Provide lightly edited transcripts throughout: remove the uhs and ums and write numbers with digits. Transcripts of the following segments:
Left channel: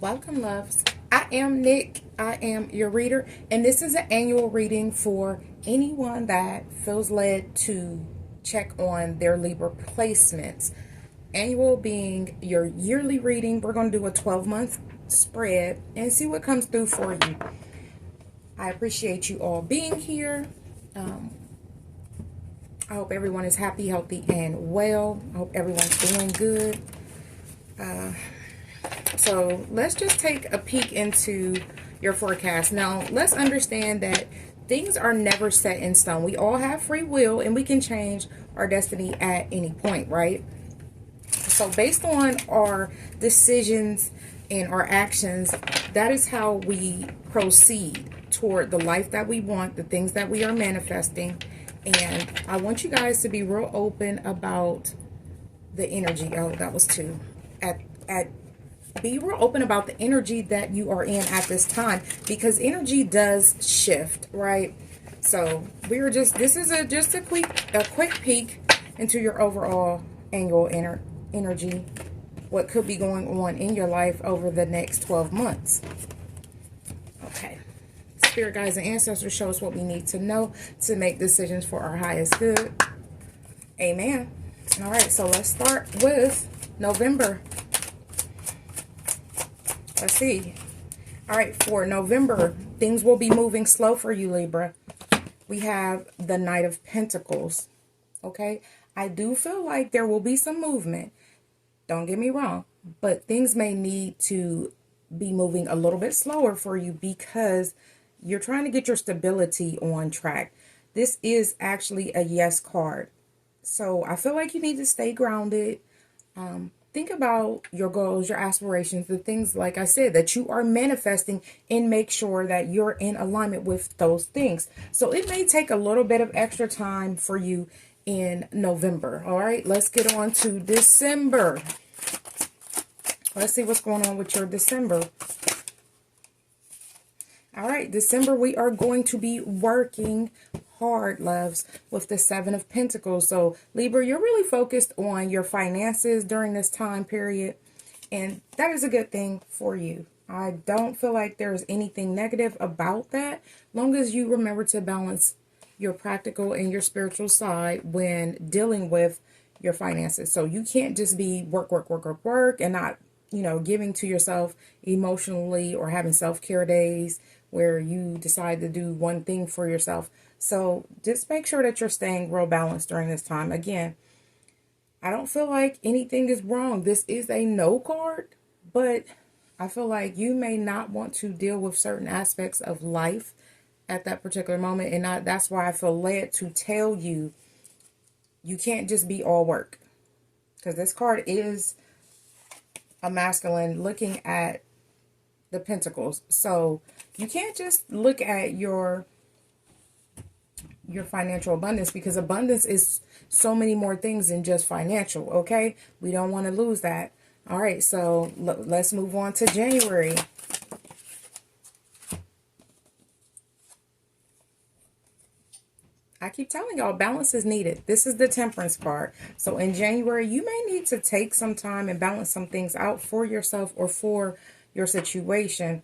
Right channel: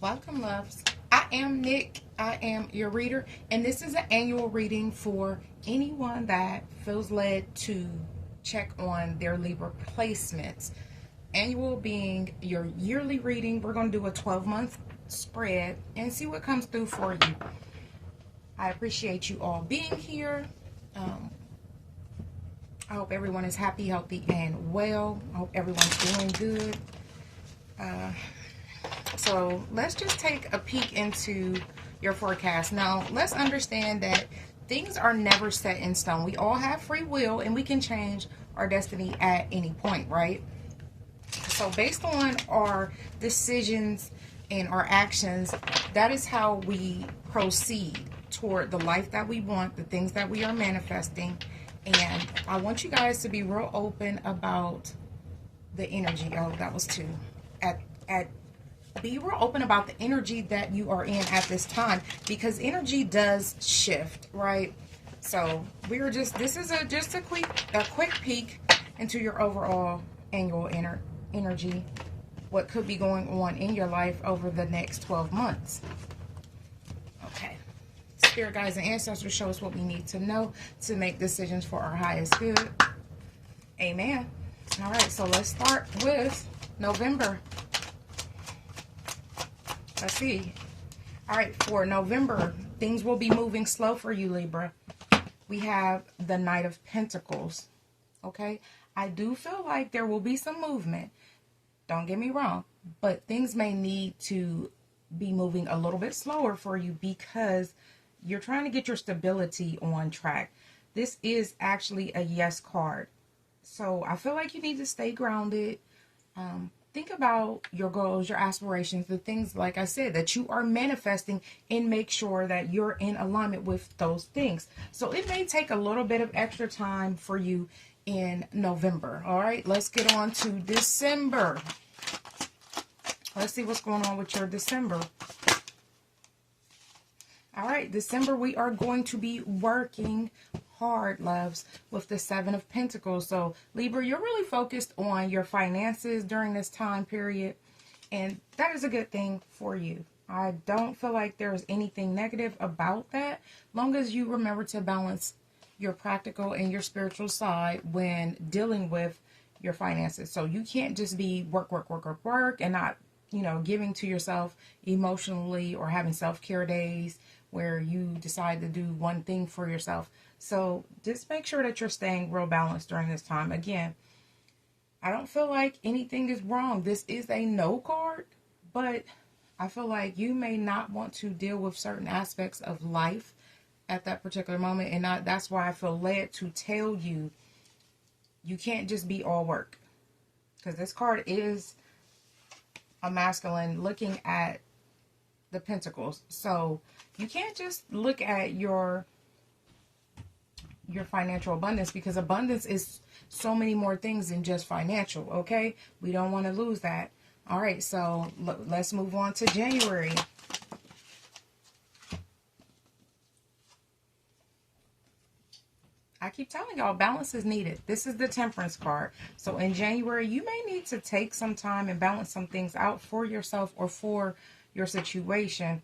Welcome, loves. I am Nick. I am your reader, and this is an annual reading for anyone that feels led to check on their Libra placements. Annual being your yearly reading. We're going to do a 12-month spread and see what comes through for you. I appreciate you all being here. I hope everyone is happy, healthy, and well. I hope everyone's doing good. So let's just take a peek into your forecast. Now, let's understand that things are never set in stone. We all have free will and we can change our destiny at any point, right? So based on our decisions and our actions, that is how we proceed toward the life that we want, the things that we are manifesting. And I want you guys to be real open about the energy. Oh, that was two. Be real open about the energy that you are in at this time, because energy does shift, right? So this is just a quick peek into your overall annual energy, what could be going on in your life over the next 12 months. Okay. Spirit guides and ancestors, show us what we need to know to make decisions for our highest good. Amen. All right, so let's start with November. Let's see. All right, for November, things will be moving slow for you, Libra. We have the Knight of Pentacles, okay? I do feel like there will be some movement. Don't get me wrong, but things may need to be moving a little bit slower for you because you're trying to get your stability on track. This is actually a yes card. So I feel like you need to stay grounded. Think about your goals, your aspirations, the things, like I said, that you are manifesting, and make sure that you're in alignment with those things. So it may take a little bit of extra time for you in November. All right, let's get on to December. Let's see what's going on with your December. All right, December, we are going to be working hard, loves, with the Seven of Pentacles. So Libra, you're really focused on your finances during this time period, and that is a good thing for you. I don't feel like there is anything negative about that, long as you remember to balance your practical and your spiritual side when dealing with your finances. So you can't just be work, and not, giving to yourself emotionally or having self-care days where you decide to do one thing for yourself. So just make sure that you're staying real balanced during this time. Again, I don't feel like anything is wrong. This is a no card, but I feel like you may not want to deal with certain aspects of life at that particular moment. And that's why I feel led to tell you, you can't just be all work. Because this card is a masculine looking at the pentacles. So you can't just look at your financial abundance, because abundance is so many more things than just financial, okay? We don't want to lose that. All right, so let's move on to January. I keep telling y'all, balance is needed. This is the Temperance card. So in January, you may need to take some time and balance some things out for yourself or for your situation.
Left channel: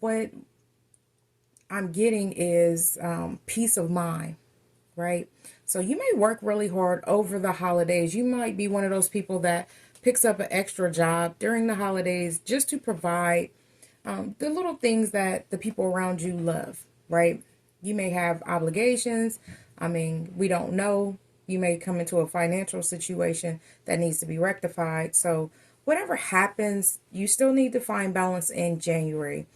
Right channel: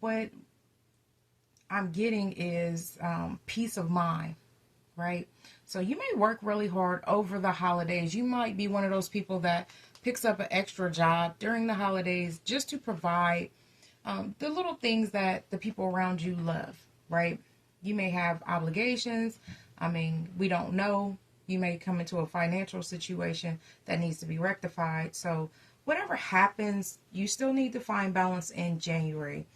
What I'm getting is peace of mind, right? So you may work really hard over the holidays. You might be one of those people that picks up an extra job during the holidays just to provide the little things that the people around you love, right? You may have obligations. I mean, we don't know. You may come into a financial situation that needs to be rectified. So whatever happens, you still need to find balance in January.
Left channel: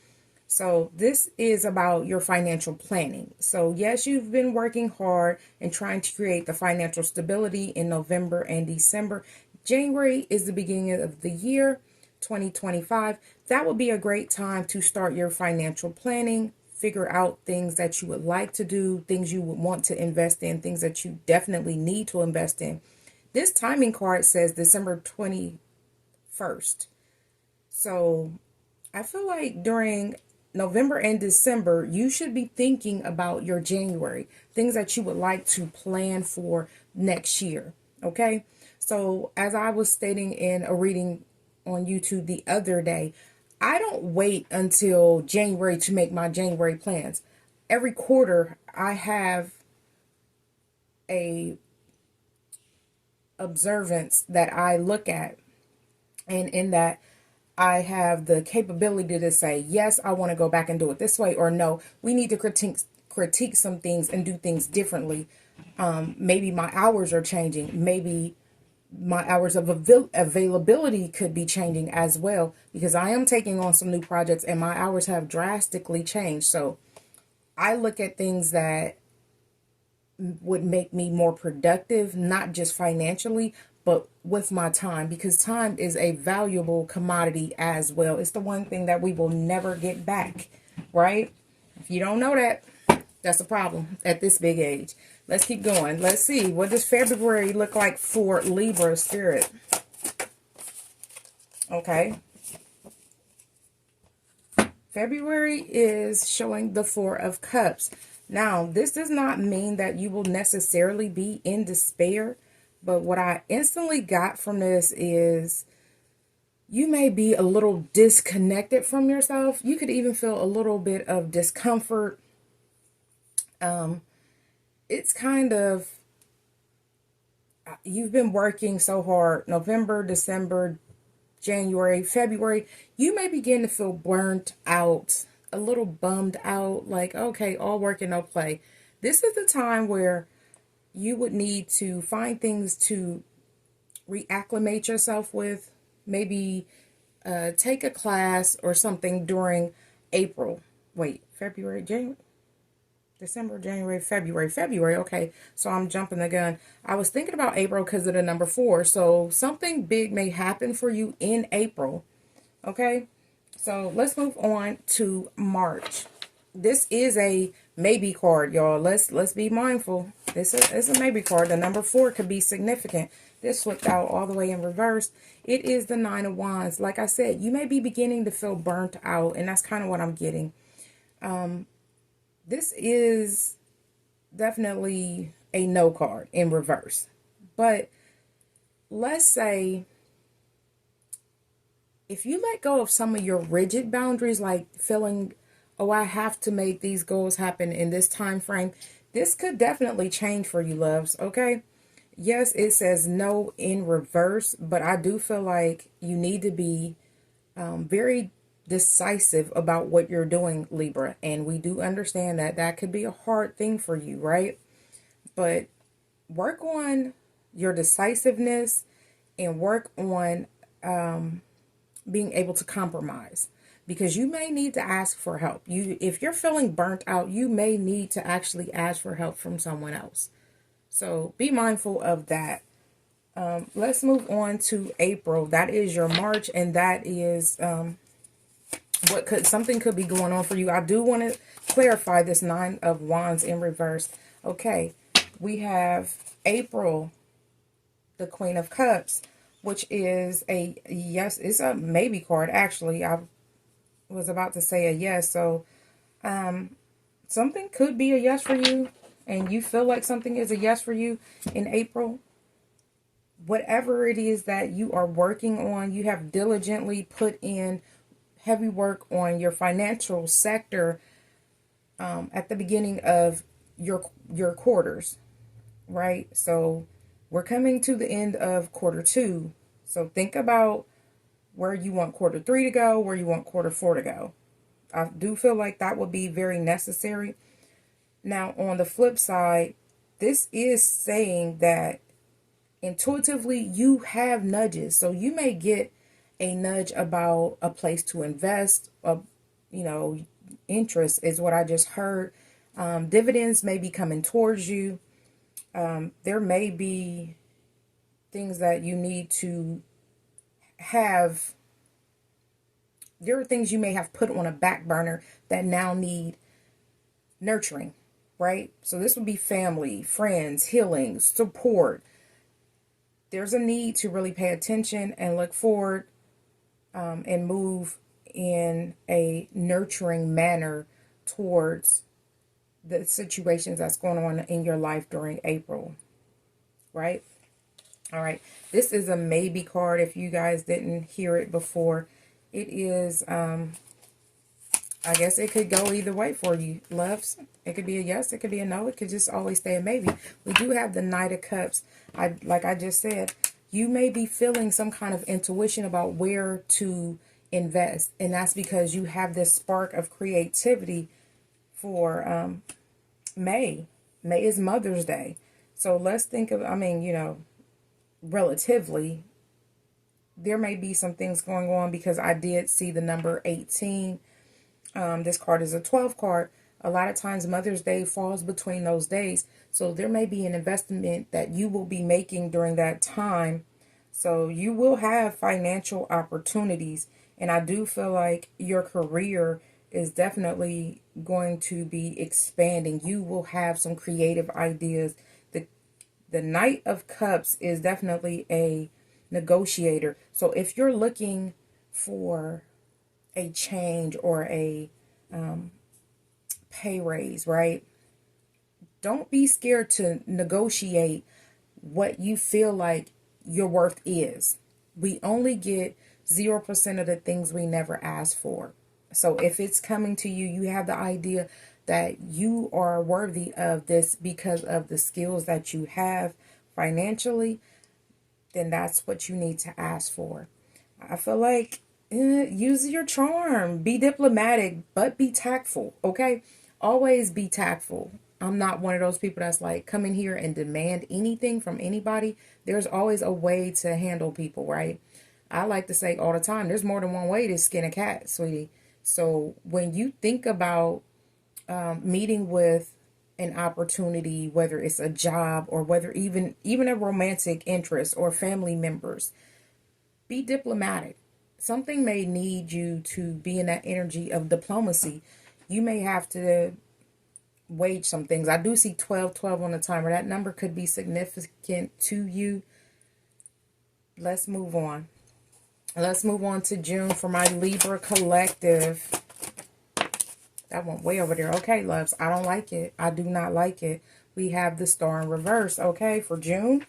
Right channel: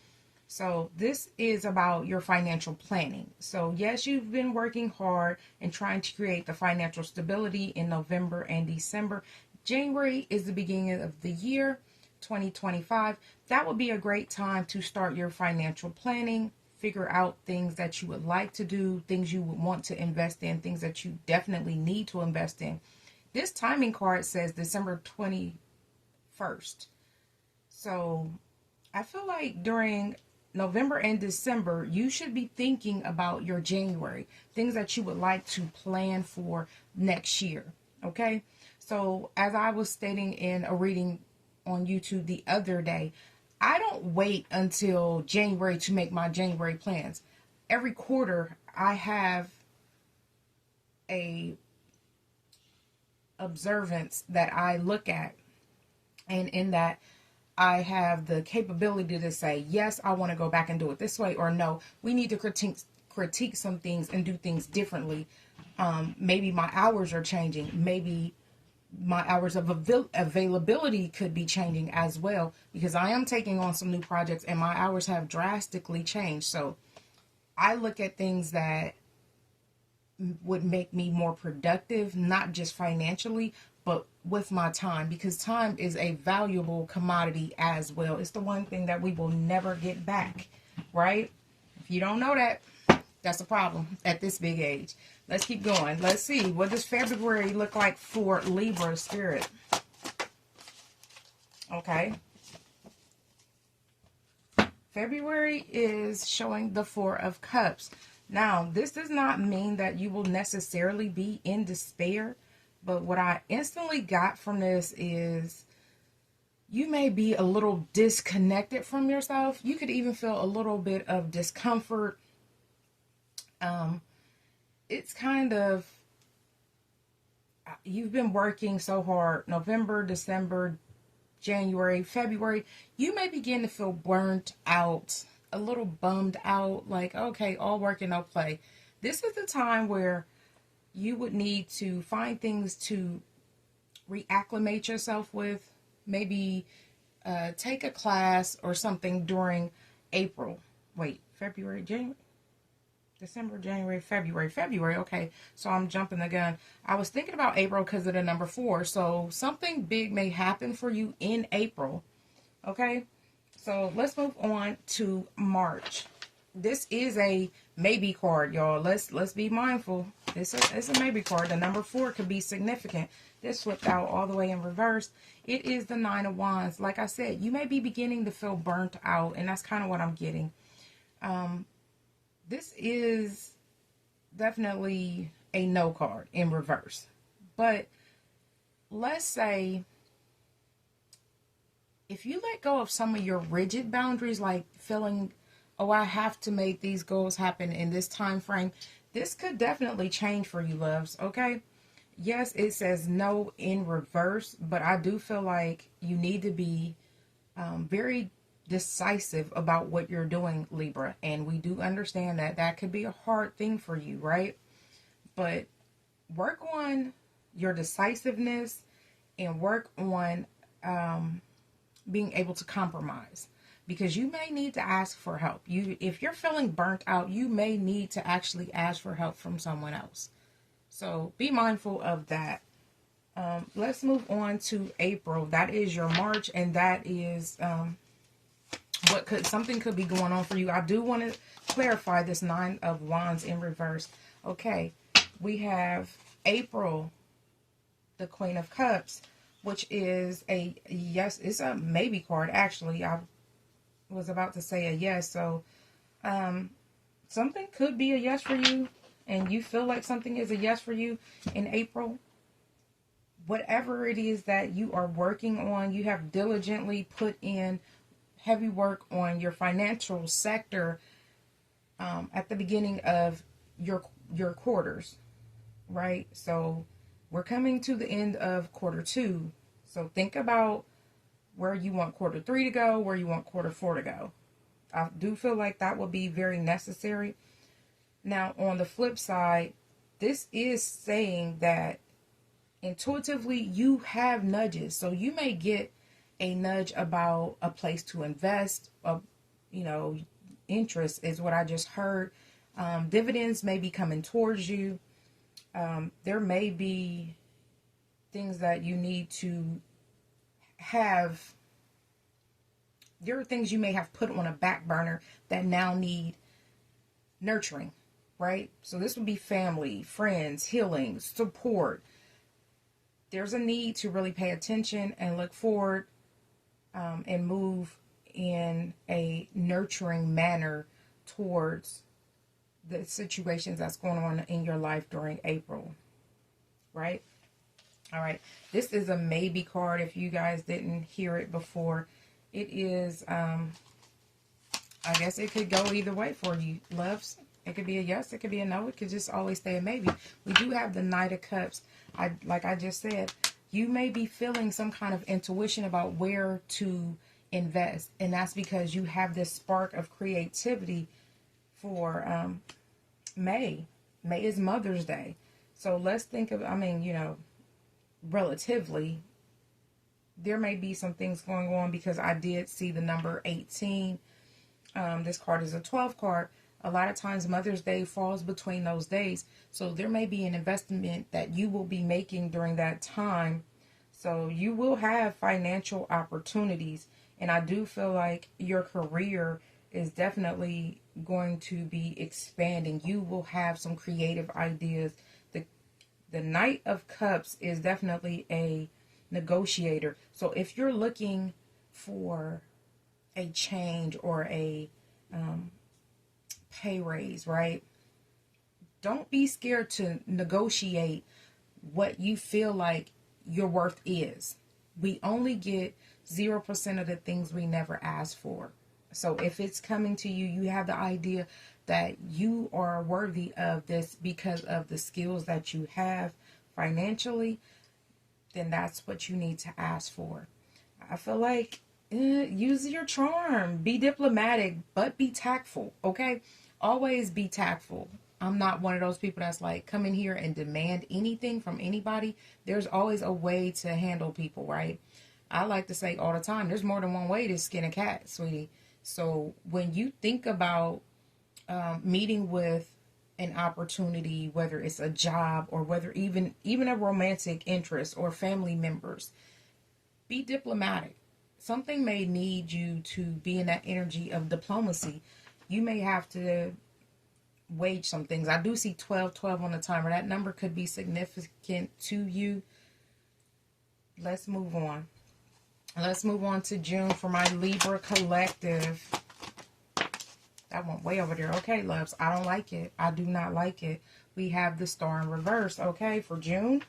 So this is about your financial planning. So yes, you've been working hard and trying to create the financial stability in November and December. January is the beginning of the year, 2025. That would be a great time to start your financial planning, figure out things that you would like to do, things you would want to invest in, things that you definitely need to invest in. This timing card says December 21st. So I feel like during November and December, you should be thinking about your January, things that you would like to plan for next year, okay? So as I was stating in a reading on YouTube the other day, I don't wait until January to make my January plans. Every quarter, I have a observance that I look at, and in that I have the capability to say, yes, I want to go back and do it this way, or no, we need to critique some things and do things differently. Maybe my hours are changing. Maybe my hours of availability could be changing as well, because I am taking on some new projects and my hours have drastically changed. So I look at things that would make me more productive, not just financially, but with my time, because time is a valuable commodity as well. It's the one thing that we will never get back, right? If you don't know that, that's a problem at this big age. Let's keep going. Let's see. What does February look like for Libra spirit? Okay. February is showing the Four of Cups. Now, this does not mean that you will necessarily be in despair, but what I instantly got from this is you may be a little disconnected from yourself. You could even feel a little bit of discomfort. It's kind of, you've been working so hard, November, December, January, February, you may begin to feel burnt out, a little bummed out, like, okay, all work and no play. This is the time where you would need to find things to reacclimate yourself with. Maybe take a class or something during April. Wait, February, January? December, January, February. Okay, so I'm jumping the gun. I was thinking about April because of the number 4. So something big may happen for you in April. Okay, so let's move on to March. This is a maybe card, y'all. Let's be mindful. This is a maybe card. The number 4 could be significant. This flipped out all the way in reverse. It is the 9 of Wands. Like I said, you may be beginning to feel burnt out, and that's kind of what I'm getting. This is definitely a no card in reverse. But let's say if you let go of some of your rigid boundaries, like feeling, oh, I have to make these goals happen in this time frame, this could definitely change for you, loves, okay? Yes, it says no in reverse, but I do feel like you need to be very decisive about what you're doing, Libra, and we do understand that that could be a hard thing for you, right? But work on your decisiveness and work on being able to compromise, because you may need to ask for help. If you're feeling burnt out, you may need to actually ask for help from someone else. So be mindful of that. Let's move on to April. That is your March, and that is something could be going on for you. I do want to clarify this 9 of Wands in reverse. Okay, we have April, the Queen of Cups, which is a yes. It's a maybe card, actually. I was about to say a yes. So something could be a yes for you, and you feel like something is a yes for you in April. Whatever it is that you are working on, you have diligently put in heavy work on your financial sector at the beginning of your quarters, right? So we're coming to the end of quarter 2. So think about where you want quarter 3 to go, where you want quarter 4 to go. I do feel like that would be very necessary. Now, on the flip side, this is saying that intuitively you have nudges. So you may get a nudge about a place to invest, interest is what I just heard. Dividends may be coming towards you. There may be things that you need to have. There are things you may have put on a back burner that now need nurturing, right? So this would be family, friends, healing, support. There's a need to really pay attention and look forward and move in a nurturing manner towards the situations that's going on in your life during April, right? All right. This is a maybe card if you guys didn't hear it before. it is, I guess it could go either way for you, loves. It could be a yes, it could be a no, it could just always stay a maybe. We do have the Knight of Cups. Like I just said, you may be feeling some kind of intuition about where to invest. And that's because you have this spark of creativity for May. May is Mother's Day. So let's think of, I mean, you know, relatively, there may be some things going on because I did see the number 18. This card is a 12 card. A lot of times Mother's Day falls between those days. So there may be an investment that you will be making during that time. So you will have financial opportunities. And I do feel like your career is definitely going to be expanding. You will have some creative ideas. The Knight of Cups is definitely a negotiator. So if you're looking for a change or a pay raise, right? Don't be scared to negotiate what you feel like your worth is. We only get 0% of the things we never asked for. So if it's coming to you, you have the idea that you are worthy of this because of the skills that you have financially, then that's what you need to ask for. I feel like use your charm. Be diplomatic, but be tactful, okay? Always be tactful. I'm not one of those people that's like, come in here and demand anything from anybody. There's always a way to handle people, right? I like to say all the time, there's more than one way to skin a cat, sweetie. So when you think about meeting with an opportunity, whether it's a job or whether even a romantic interest or family members, be diplomatic. Something may need you to be in that energy of diplomacy. You may have to wage some things. I do see 12 on the timer. That number could be significant to you. Let's move on. Let's move on to June for my Libra collective. That went way over there. Okay, loves. I don't like it. I do not like it. We have the Star in reverse. Okay, for June,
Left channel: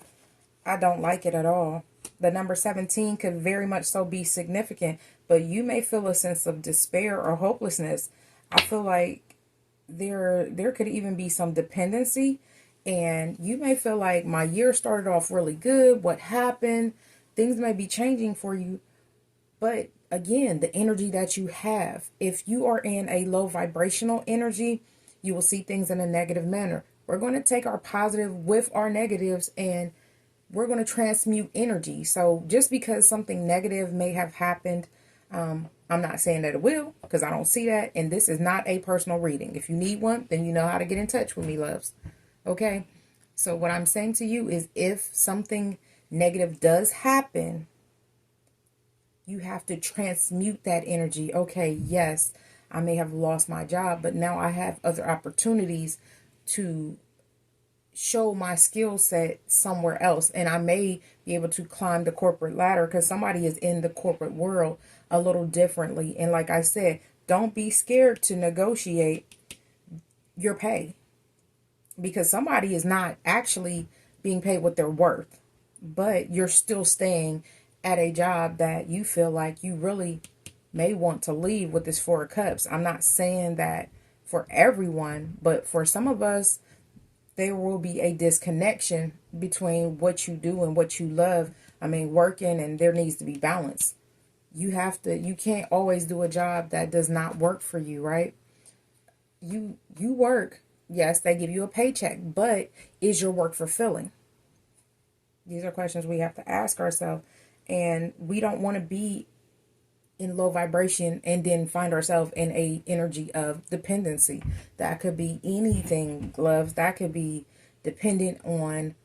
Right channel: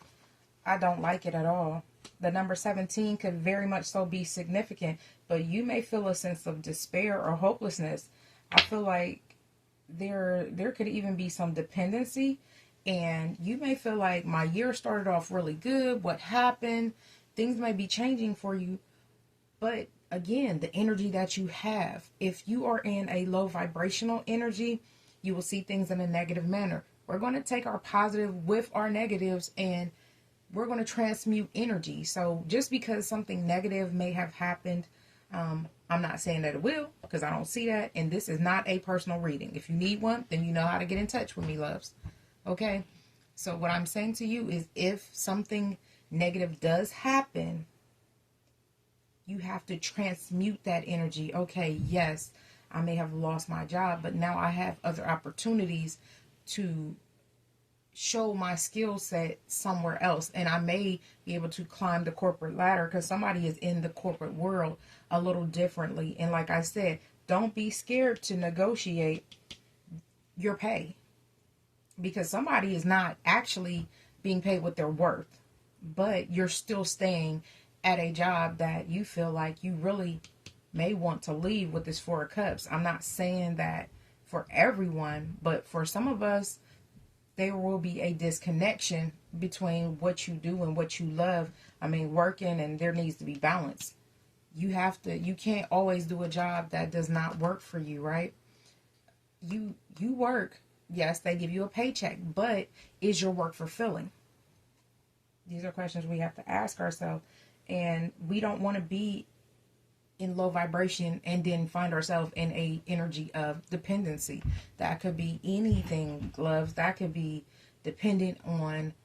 I don't like it at all. The number 17 could very much so be significant, but you may feel a sense of despair or hopelessness. I feel like there could even be some dependency, and you may feel like my year started off really good. What happened? Things may be changing for you, but again, the energy that you have, if you are in a low vibrational energy, you will see things in a negative manner. We're going to take our positive with our negatives and we're going to transmute energy. So just because something negative may have happened, I'm not saying that it will, because I don't see that. And this is not a personal reading. If you need one, then you know how to get in touch with me, loves. Okay? So what I'm saying to you is if something negative does happen, you have to transmute that energy. Okay, yes, I may have lost my job, but now I have other opportunities to show my skill set somewhere else. And I may be able to climb the corporate ladder because somebody is in the corporate world a little differently. And like I said, don't be scared to negotiate your pay, because somebody is not actually being paid what they're worth, but you're still staying at a job that you feel like you really may want to leave with this Four of Cups. I'm not saying that for everyone, but for some of us, there will be a disconnection between what you do and what you love. I mean, working, and there needs to be balance. You can't always do a job that does not work for you, right? You work. Yes, they give you a paycheck, but is your work fulfilling? These are questions we have to ask ourselves. And we don't want to be in low vibration and then find ourselves in a energy of dependency. That could be anything, loves. That could be dependent on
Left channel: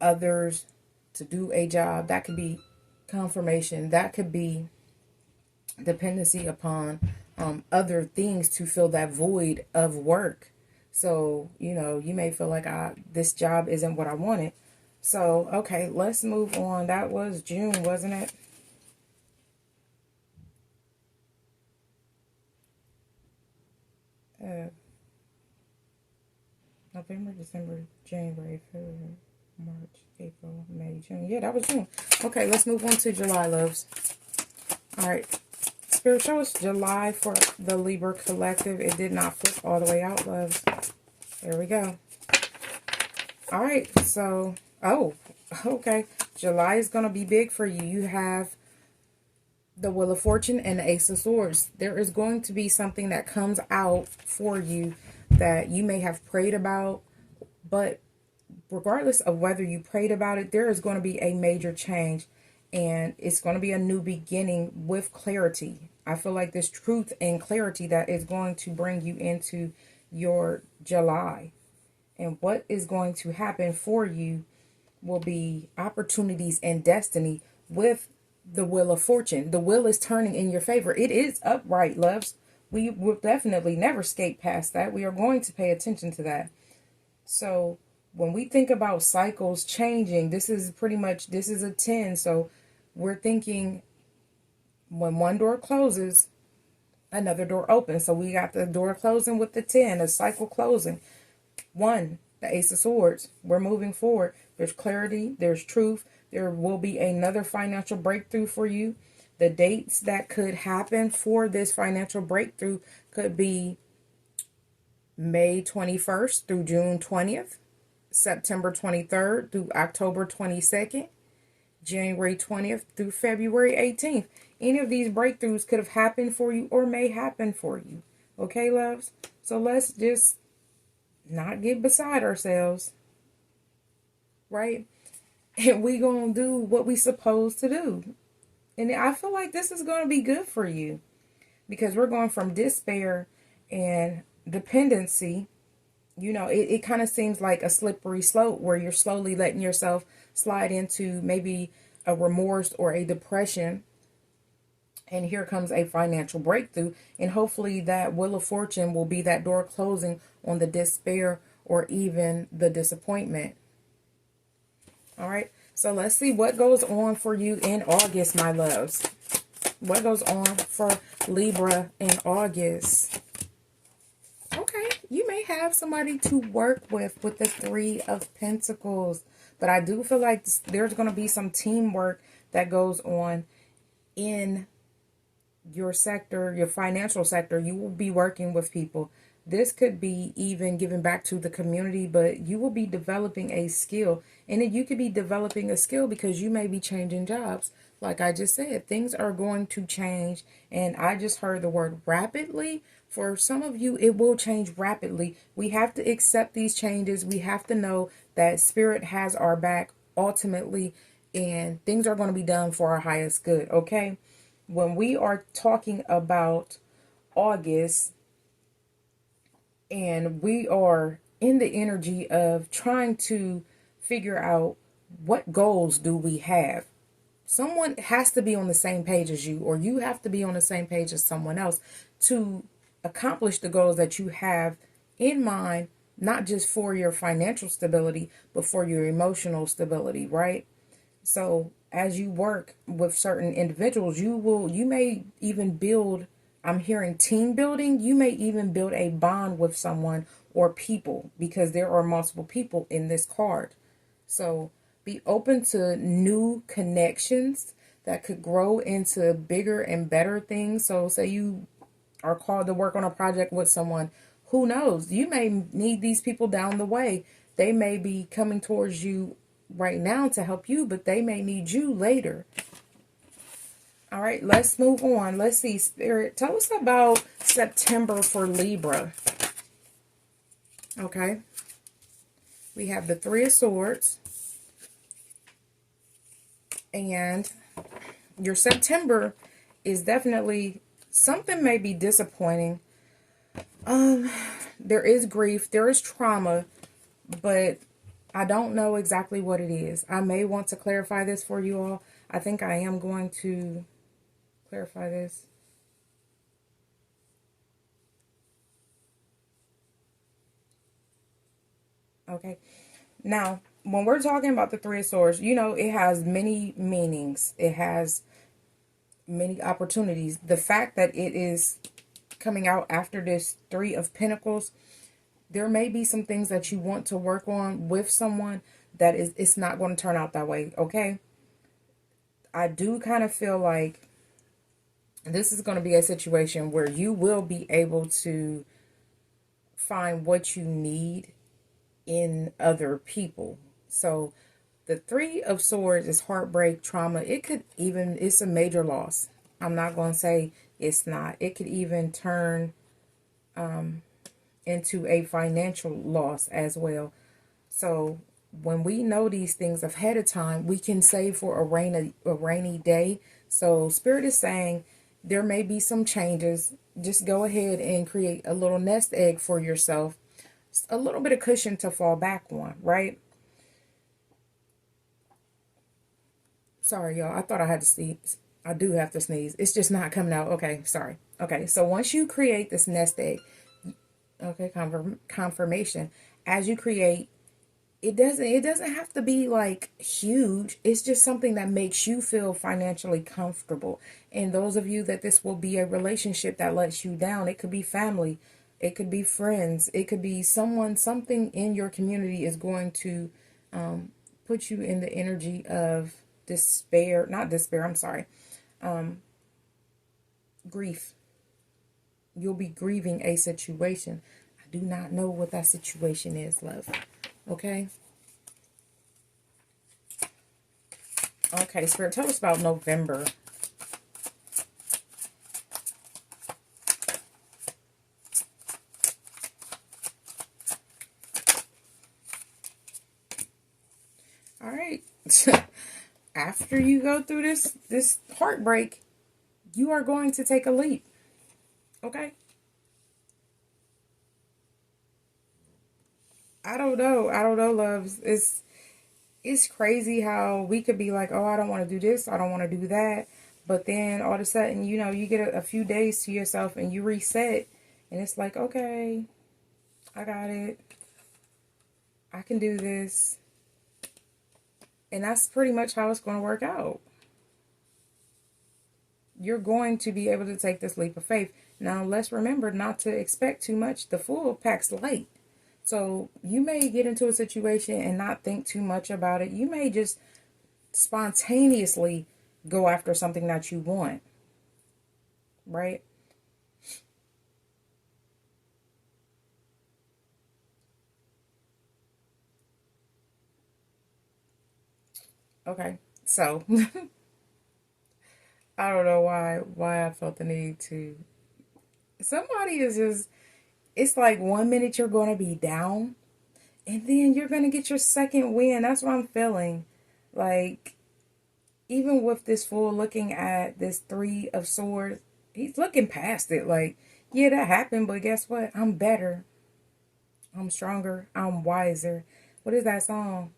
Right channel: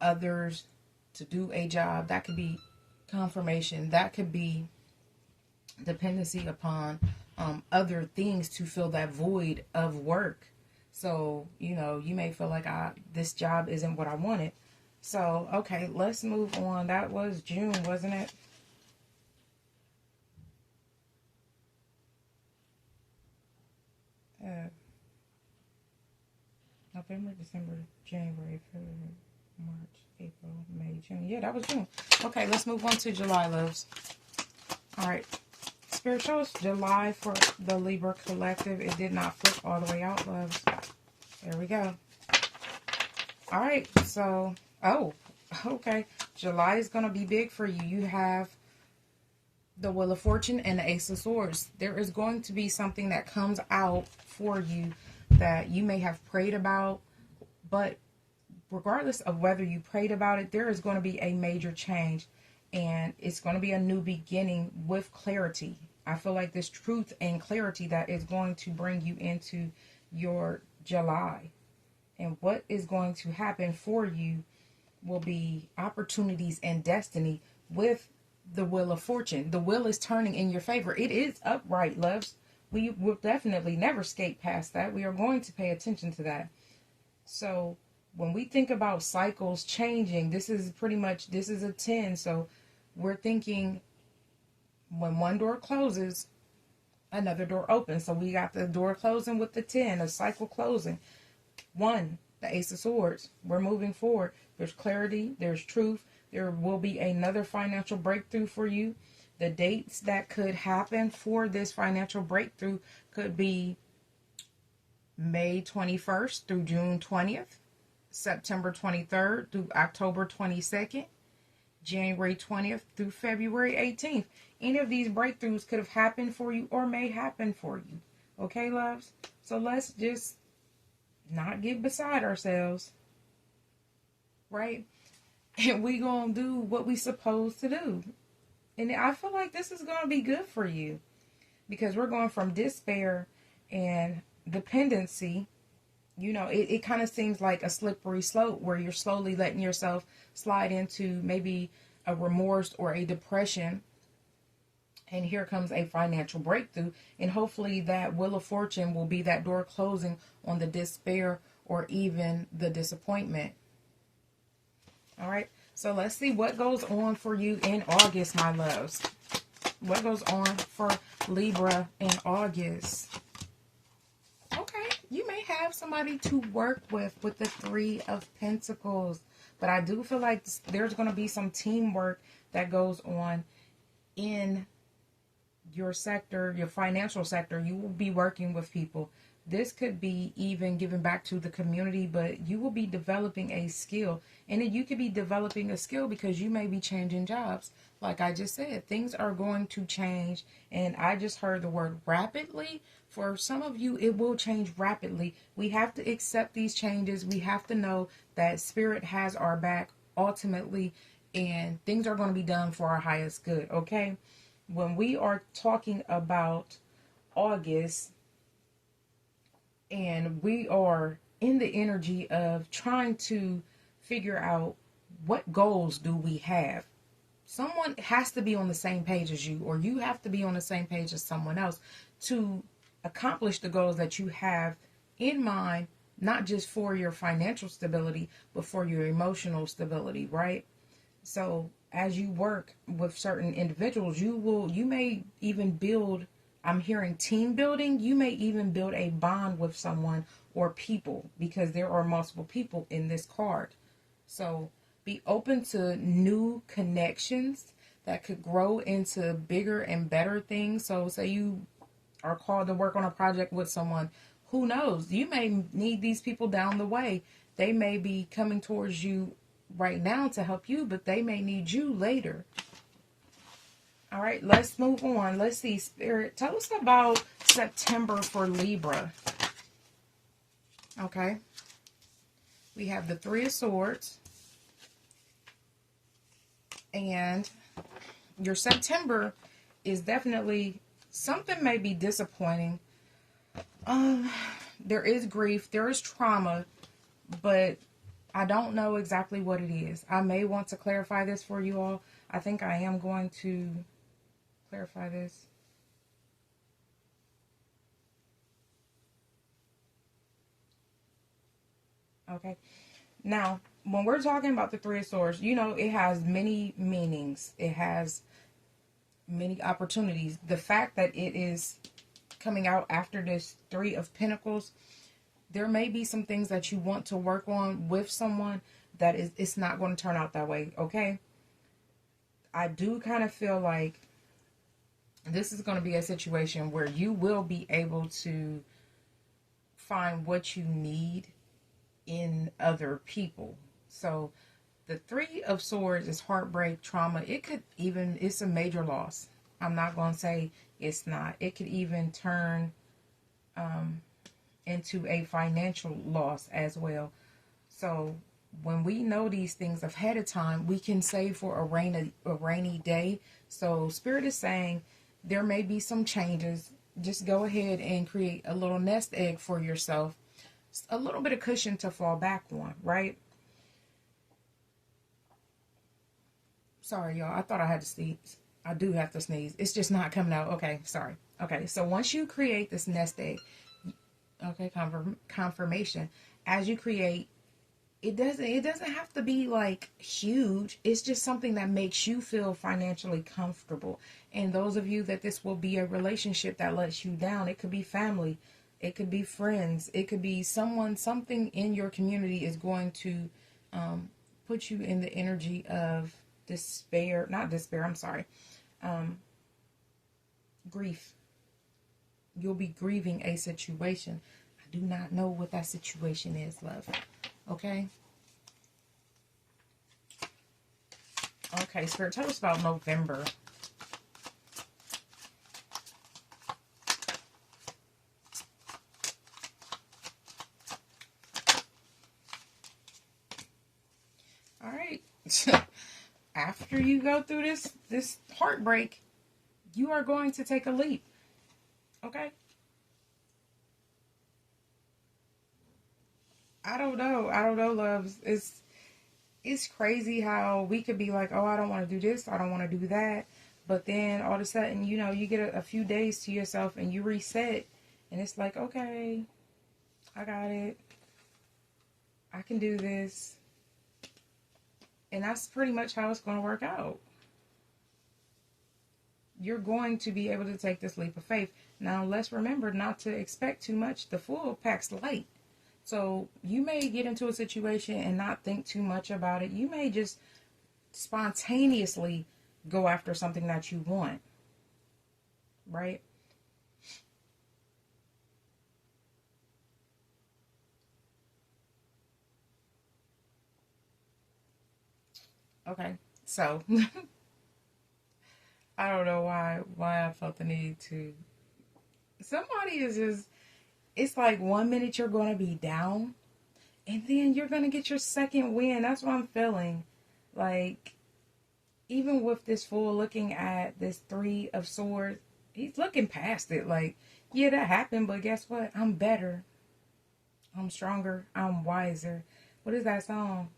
others to do a job. That could be confirmation. That could be dependency upon other things to fill that void of work. So, you may feel like this job isn't what I wanted. So, okay, let's move on. That was June, wasn't it? November, December, January, February, March, April, May, June. Yeah, that was June. Okay, let's move on to July, loves. All right. Spirit shows July for the Libra collective. It did not flip all the way out, loves. There we go. All right. So, oh, okay. July is going to be big for you. You have the Wheel of Fortune and the Ace of Swords. There is going to be something that comes out for you that you may have prayed about, but regardless of whether you prayed about it, there is going to be a major change, and it's going to be a new beginning with clarity. I feel like this truth and clarity that is going to bring you into your July. And what is going to happen for you will be opportunities and destiny with the Wheel of Fortune. The wheel is turning in your favor. It is upright, loves. We will definitely never skate past that. We are going to pay attention to that. So when we think about cycles changing, this is a 10. So we're thinking when one door closes, another door opens. So we got the door closing with the 10, a cycle closing. 1, the Ace of Swords. We're moving forward. There's clarity. There's truth. There will be another financial breakthrough for you. The dates that could happen for this financial breakthrough could be May 21st through June 20th, September 23rd through October 22nd, January 20th through February 18th. Any of these breakthroughs could have happened for you or may happen for you. Okay, loves? So let's just not get beside ourselves, right? And we gonna do what we supposed to do. And I feel like this is gonna be good for you, because we're going from despair and dependency. You know, it kind of seems like a slippery slope where you're slowly letting yourself slide into maybe a remorse or a depression. And here comes a financial breakthrough. And hopefully that Wheel of Fortune will be that door closing on the despair or even the disappointment. All right. So let's see what goes on for you in August, my loves. What goes on for Libra in August? Okay. You may have somebody to work with the 3 of Pentacles. But I do feel like there's going to be some teamwork that goes on in your sector, your financial sector. You will be working with people. This could be even giving back to the community, but you will be developing a skill. And then you could be developing a skill because you may be changing jobs. Like I just said, things are going to change. And I just heard the word rapidly. For some of you, it will change rapidly. We have to accept these changes. We have to know that Spirit has our back ultimately, and things are going to be done for our highest good, okay? When we are talking about August, and we are in the energy of trying to figure out what goals do we have. Someone has to be on the same page as you, or you have to be on the same page as someone else to accomplish the goals that you have in mind, not just for your financial stability, but for your emotional stability, right? So as you work with certain individuals, you may even build, I'm hearing team building. You may even build a bond with someone or people, because there are multiple people in this card. So be open to new connections that could grow into bigger and better things. So say you are called to work on a project with someone, who knows? You may need these people down the way. They may be coming towards you right now to help you, but they may need you later. All right, let's move on. Let's see, Spirit, tell us about September for Libra. Okay. We have the 3 of Swords. And your September is definitely, something may be disappointing. There is grief, there is trauma, but I don't know exactly what it is. I may want to clarify this for you all. I think I am going to clarify this. Okay. Now, when we're talking about the 3 of Swords, you know, it has many meanings. It has many opportunities. The fact that it is coming out after this 3 of Pentacles, there may be some things that you want to work on with someone that it's not going to turn out that way, okay? I do kind of feel like This is going to be a situation where you will be able to find what you need in other people. So the Three of Swords is heartbreak, trauma. It could even, it's a major loss. I'm not going to say it's not. It could even turn into a financial loss as well. So when we know these things ahead of time, we can save for a rainy day. So Spirit is saying there may be some changes. Just go ahead and create a little nest egg for yourself. A little bit of cushion to fall back on, right? Sorry, y'all. I thought I had to sneeze. I do have to sneeze. It's just not coming out. Okay, sorry. Okay, so once you create this nest egg, okay, confirmation. As you create, it doesn't have to be like huge. It's just something that makes you feel financially comfortable. And those of you that this will be a relationship that lets you down, it could be family, it could be friends, it could be someone, something in your community is going to put you in the energy of despair, not despair, I'm sorry, grief. You'll be grieving a situation. I do not know what that situation is, love. Okay. Okay, Spirit, tell us about November. All right. After you go through this heartbreak, you are going to take a leap. Okay? I don't know, loves. It's crazy how we could be like, oh, I don't want to do this, I don't want to do that. But then all of a sudden, you know, you get a few days to yourself and you reset. And it's like, okay, I got it. I can do this. And that's pretty much how it's going to work out. You're going to be able to take this leap of faith. Now, let's remember not to expect too much. The Fool packs light. So you may get into a situation and not think too much about it. You may just spontaneously go after something that you want. Right? Okay. So I don't know why I felt the need to. Somebody is just, it's like 1 minute you're going to be down and then you're going to get your second win. That's what I'm feeling. Like, even with this Fool looking at this Three of Swords, he's looking past it. Like, yeah, that happened, but guess what? I'm better. I'm stronger. I'm wiser. What is that song?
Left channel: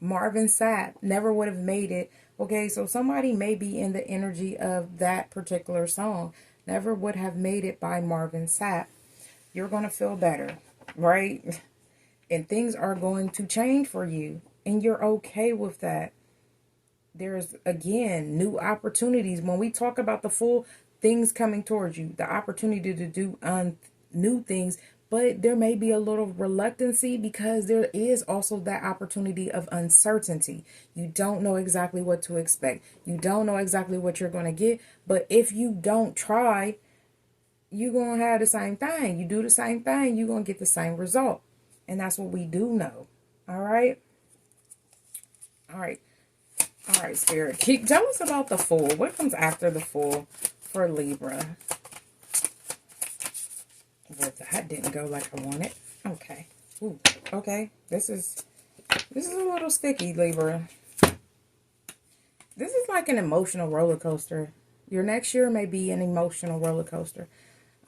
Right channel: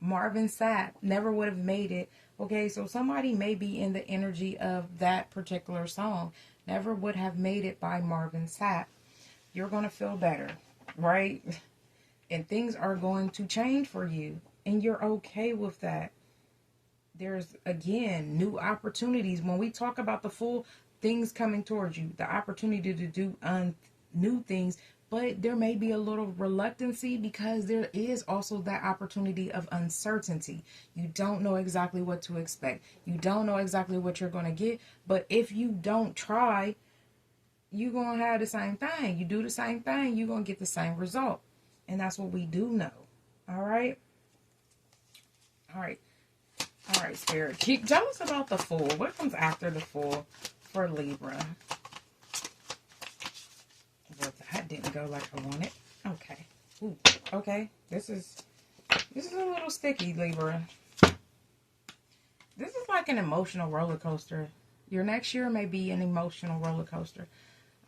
Marvin Sapp, Never Would Have Made It. Okay, so somebody may be in the energy of that particular song. Never Would Have Made It by Marvin Sapp. You're going to feel better, right? And things are going to change for you. And you're okay with that. There's, again, new opportunities. When we talk about the Fool, things coming towards you, the opportunity to do new things, but there may be a little reluctancy because there is also that opportunity of uncertainty. You don't know exactly what to expect. You don't know exactly what you're going to get. But if you don't try, you're going to have the same thing. You do the same thing, you're going to get the same result. And that's what we do know. All right? All right. All right, Spirit. Tell us about the Fool. What comes after the Fool for Libra? Well, that didn't go like I wanted. Okay. Ooh, okay. This is a little sticky, Libra. This is like an emotional roller coaster. Your next year may be an emotional roller coaster.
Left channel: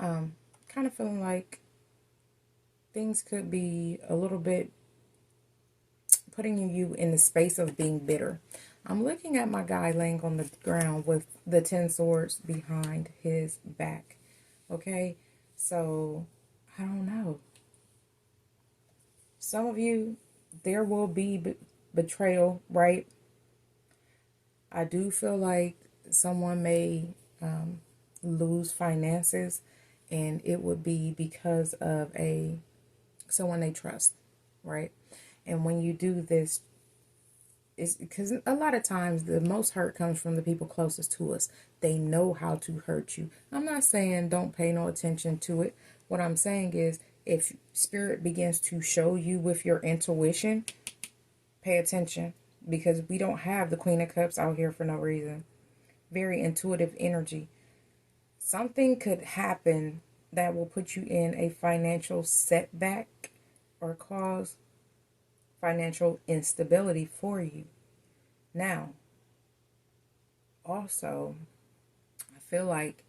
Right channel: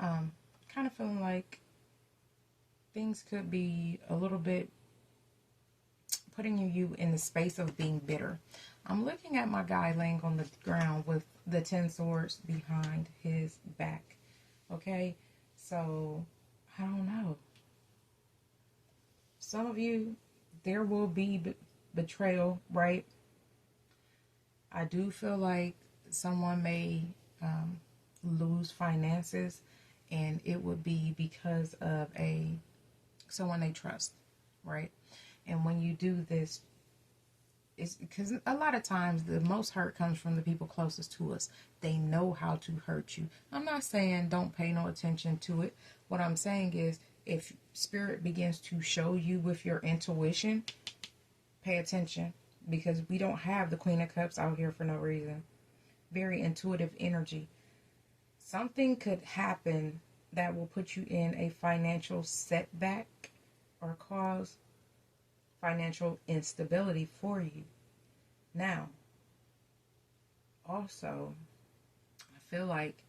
Kind of feeling like things could be a little bit putting you in the space of being bitter. I'm looking at my guy laying on the ground with the 10 swords behind his back. Okay, so I don't know. Some of you, there will be betrayal, right? I do feel like someone may lose finances, and it would be because of someone they trust, right? And when you do this, It's because a lot of times the most hurt comes from the people closest to us. They know how to hurt you. I'm not saying don't pay no attention to it. What I'm saying is, if spirit begins to show you with your intuition, pay attention, because we don't have the Queen of Cups out here for no reason. Very intuitive energy. Something could happen that will put you in a financial setback or cause financial instability for you. Now, also, I feel like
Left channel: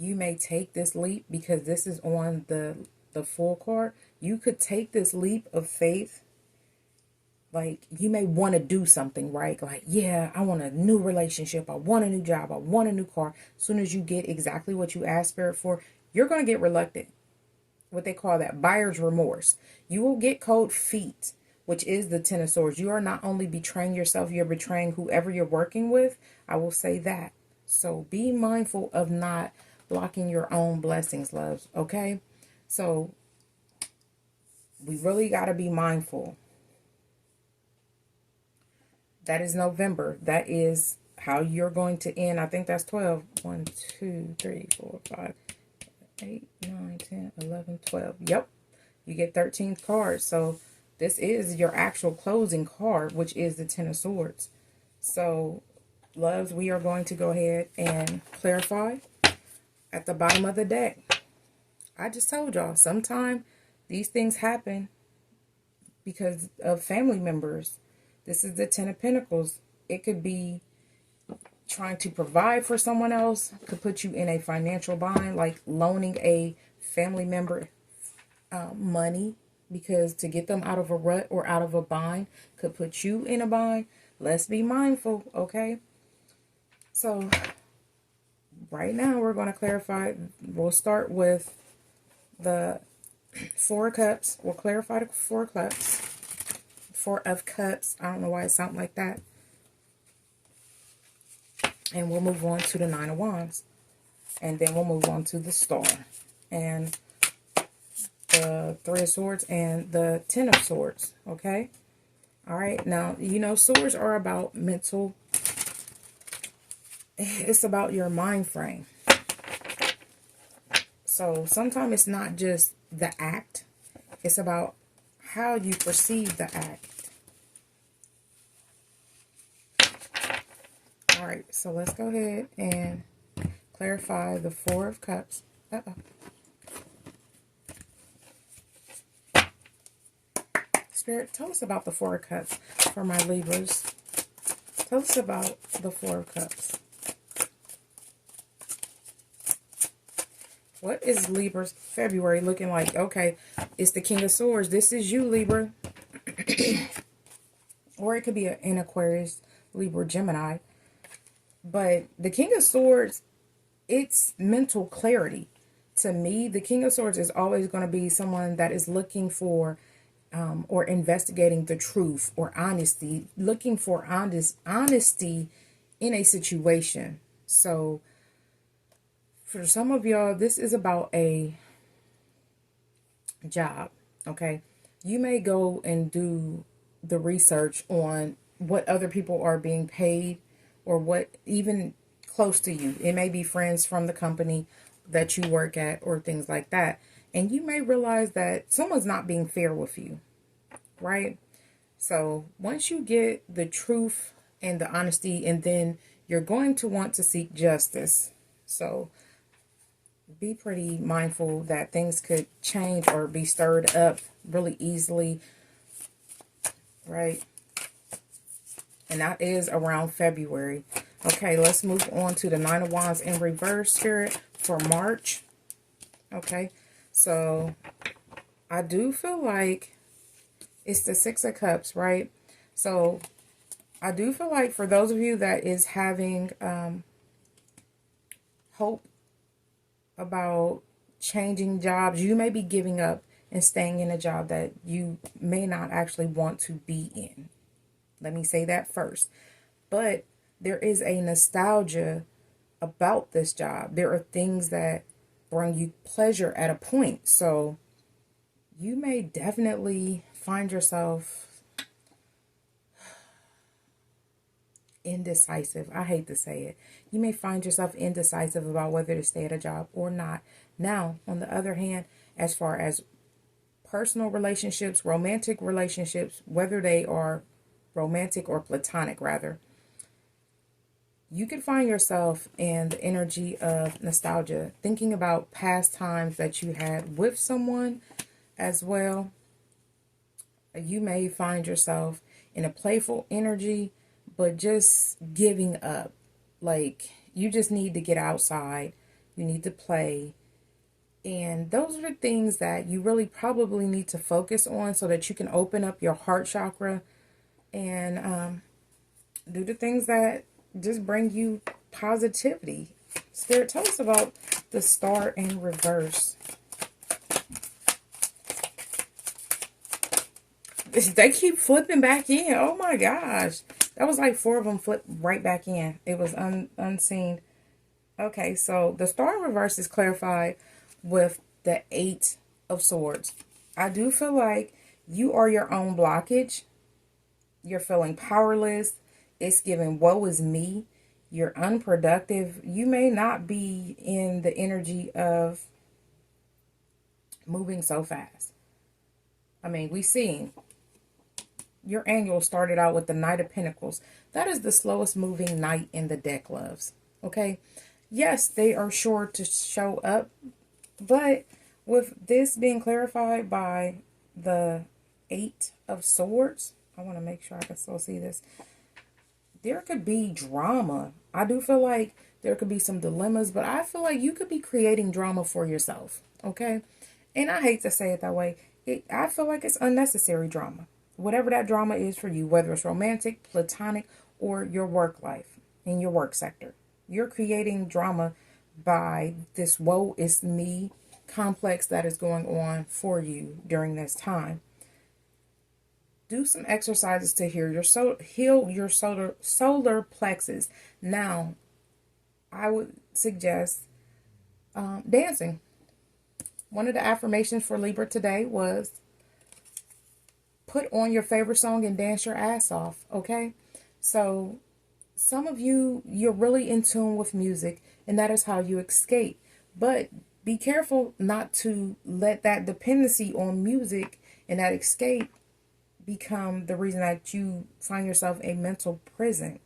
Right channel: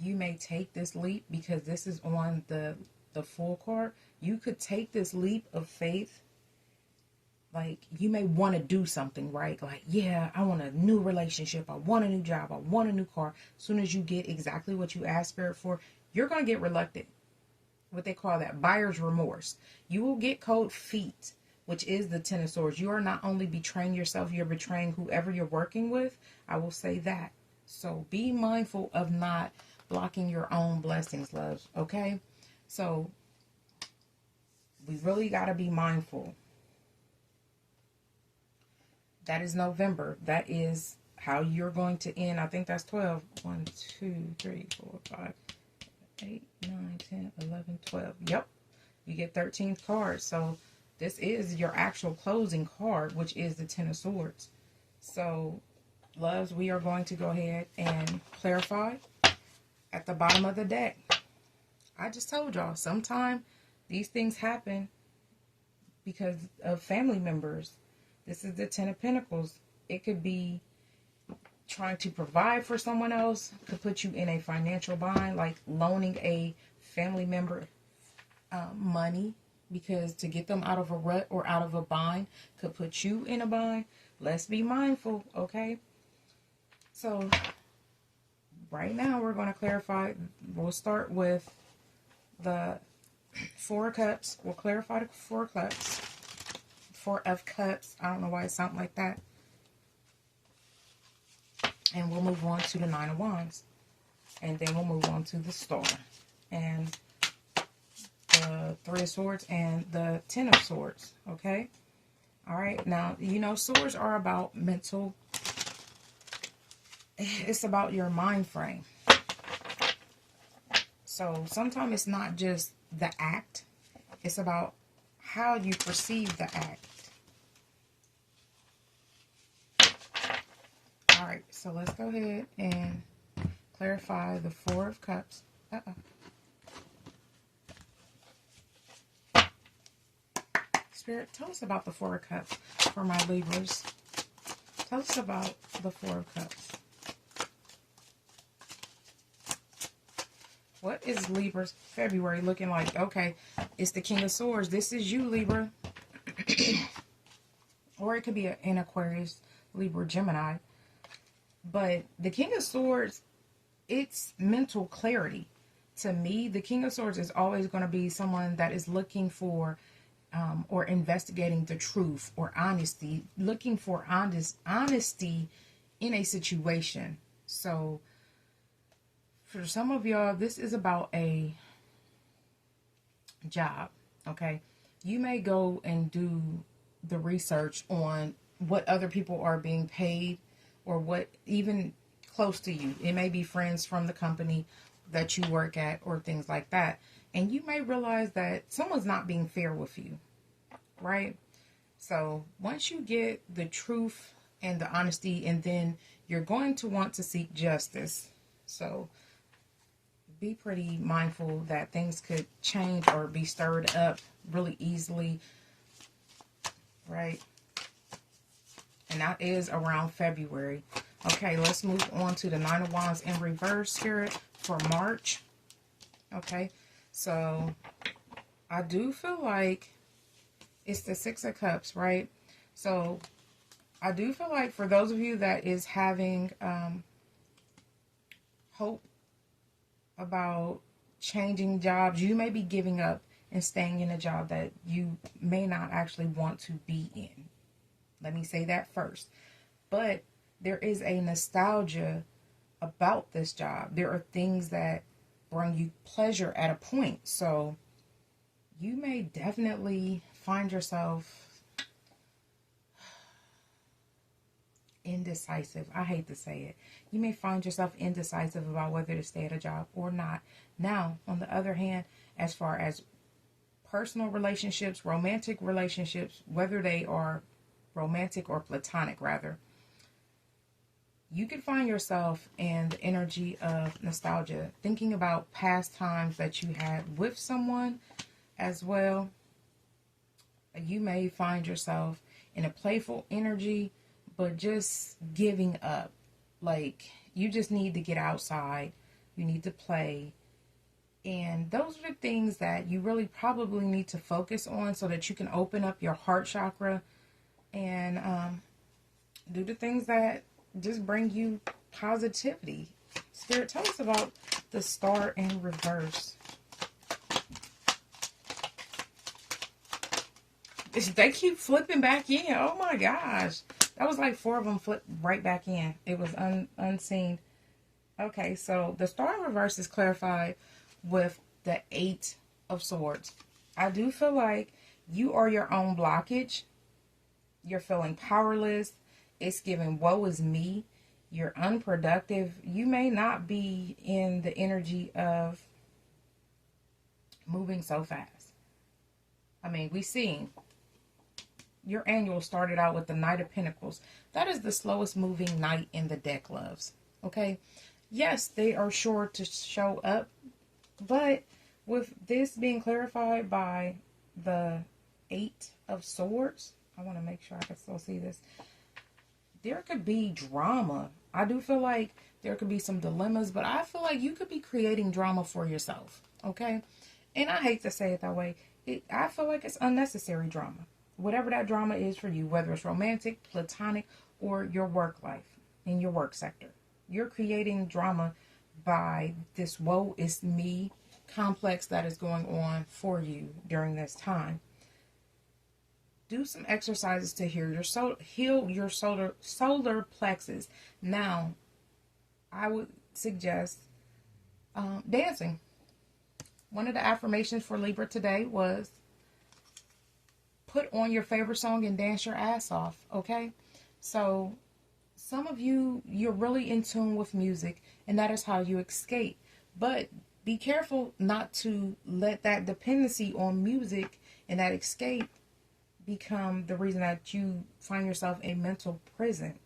you may take this leap, because this is on the full card. You could take this leap of faith. Like, you may want to do something, right? Like, yeah, I want a new relationship. I want a new job. I want a new car. As soon as you get exactly what you asked Spirit for, you're going to get reluctant. What they call that, buyer's remorse. You will get cold feet, which is the Ten of Swords. You are not only betraying yourself, you're betraying whoever you're working with. I will say that. So be mindful of not blocking your own blessings, loves. Okay? So we really got to be mindful. That is November. That is how you're going to end. I think that's 12. 1, 2, 3, 4, 5, 8, 9, 10, 11, 12. Yep. You get 13 cards. So this is your actual closing card, which is the Ten of Swords. So, loves, we are going to go ahead and clarify at the bottom of the deck. I just told y'all, sometimes these things happen because of family members. This is the Ten of Pentacles. It could be trying to provide for someone else. Could put you in a financial bind, like loaning a family member money, because to get them out of a rut or out of a bind could put you in a bind. Let's be mindful, okay? So right now we're going to clarify. We'll start with the Four of Cups. We'll clarify the Four of Cups. Four of Cups. I don't know why it sounds like that. And we'll move on to the Nine of Wands. And then we'll move on to the Star. And the Three of Swords and the Ten of Swords. Okay? Alright. Now, you know, swords are about mental. It's about your mind frame. So sometimes it's not just the act. It's about how you perceive the act. Alright, so let's go ahead and clarify the Four of Cups. Spirit, tell us about the Four of Cups for my Libras. Tell us about the Four of Cups. What is Libra's February looking like? Okay, it's the King of Swords. This is you, Libra. Or it could be an Aquarius, Libra, Gemini. But the King of Swords, it's mental clarity. To me, the King of Swords is always going to be someone that is looking for or investigating the truth or honesty, looking for honesty in a situation. So for some of y'all, this is about a job, okay? You may go and do the research on what other people are being paid, or what, even close to you. It may be friends from the company that you work at or things like that. And you may realize that someone's not being fair with you, right? So once you get the truth and the honesty, and then you're going to want to seek justice. So be pretty mindful that things could change or be stirred up really easily, right? And that is around February. Okay, let's move on to the Nine of Wands in reverse, Spirit, for March. Okay, so I do feel like it's the Six of Cups, right? So I do feel like for those of you that is having hope about changing jobs, you may be giving up and staying in a job that you may not actually want to be in. Let me say that first. But there is a nostalgia about this job. There are things that bring you pleasure at a point. So you may definitely find yourself indecisive. I hate to say it. You may find yourself indecisive about whether to stay at a job or not. Now, on the other hand, as far as personal relationships, romantic relationships, whether they are romantic or platonic, rather, you can find yourself in the energy of nostalgia, thinking about past times that you had with someone as well. You may find yourself in a playful energy, but just giving up. Like, you just need to get outside. You need to play. And those are the things that you really probably need to focus on so that you can open up your heart chakra and do the things that just bring you positivity. Spirit, tell us about the star in reverse. They keep flipping back in. Oh my gosh. That was like 4 of them flipped right back in. It was unseen. Okay, so the star in reverse is clarified with the 8 of Swords. I do feel like you are your own blockage. You're feeling powerless. It's giving woe is me. You're unproductive. You may not be in the energy of moving so fast. I mean, we seen your annual started out with the Knight of Pentacles. That is the slowest moving knight in the deck, loves. Okay? Yes, they are sure to show up. But with this being clarified by the 8 of Swords, I want to make sure I can still see this. There could be drama. I do feel like there could be some dilemmas, but I feel like you could be creating drama for yourself. Okay? And I hate to say it that way. I feel like it's unnecessary drama. Whatever that drama is for you, whether it's romantic, platonic, or your work life, in your work sector. You're creating drama by this woe is me complex that is going on for you during this time. Do some exercises to heal your solar plexus. Now, I would suggest dancing. One of the affirmations for Libra today was put on your favorite song and dance your ass off, okay? So some of you, you're really in tune with music, and that is how you escape. But be careful not to let that dependency on music and that escape become the reason that you find yourself in mental prison.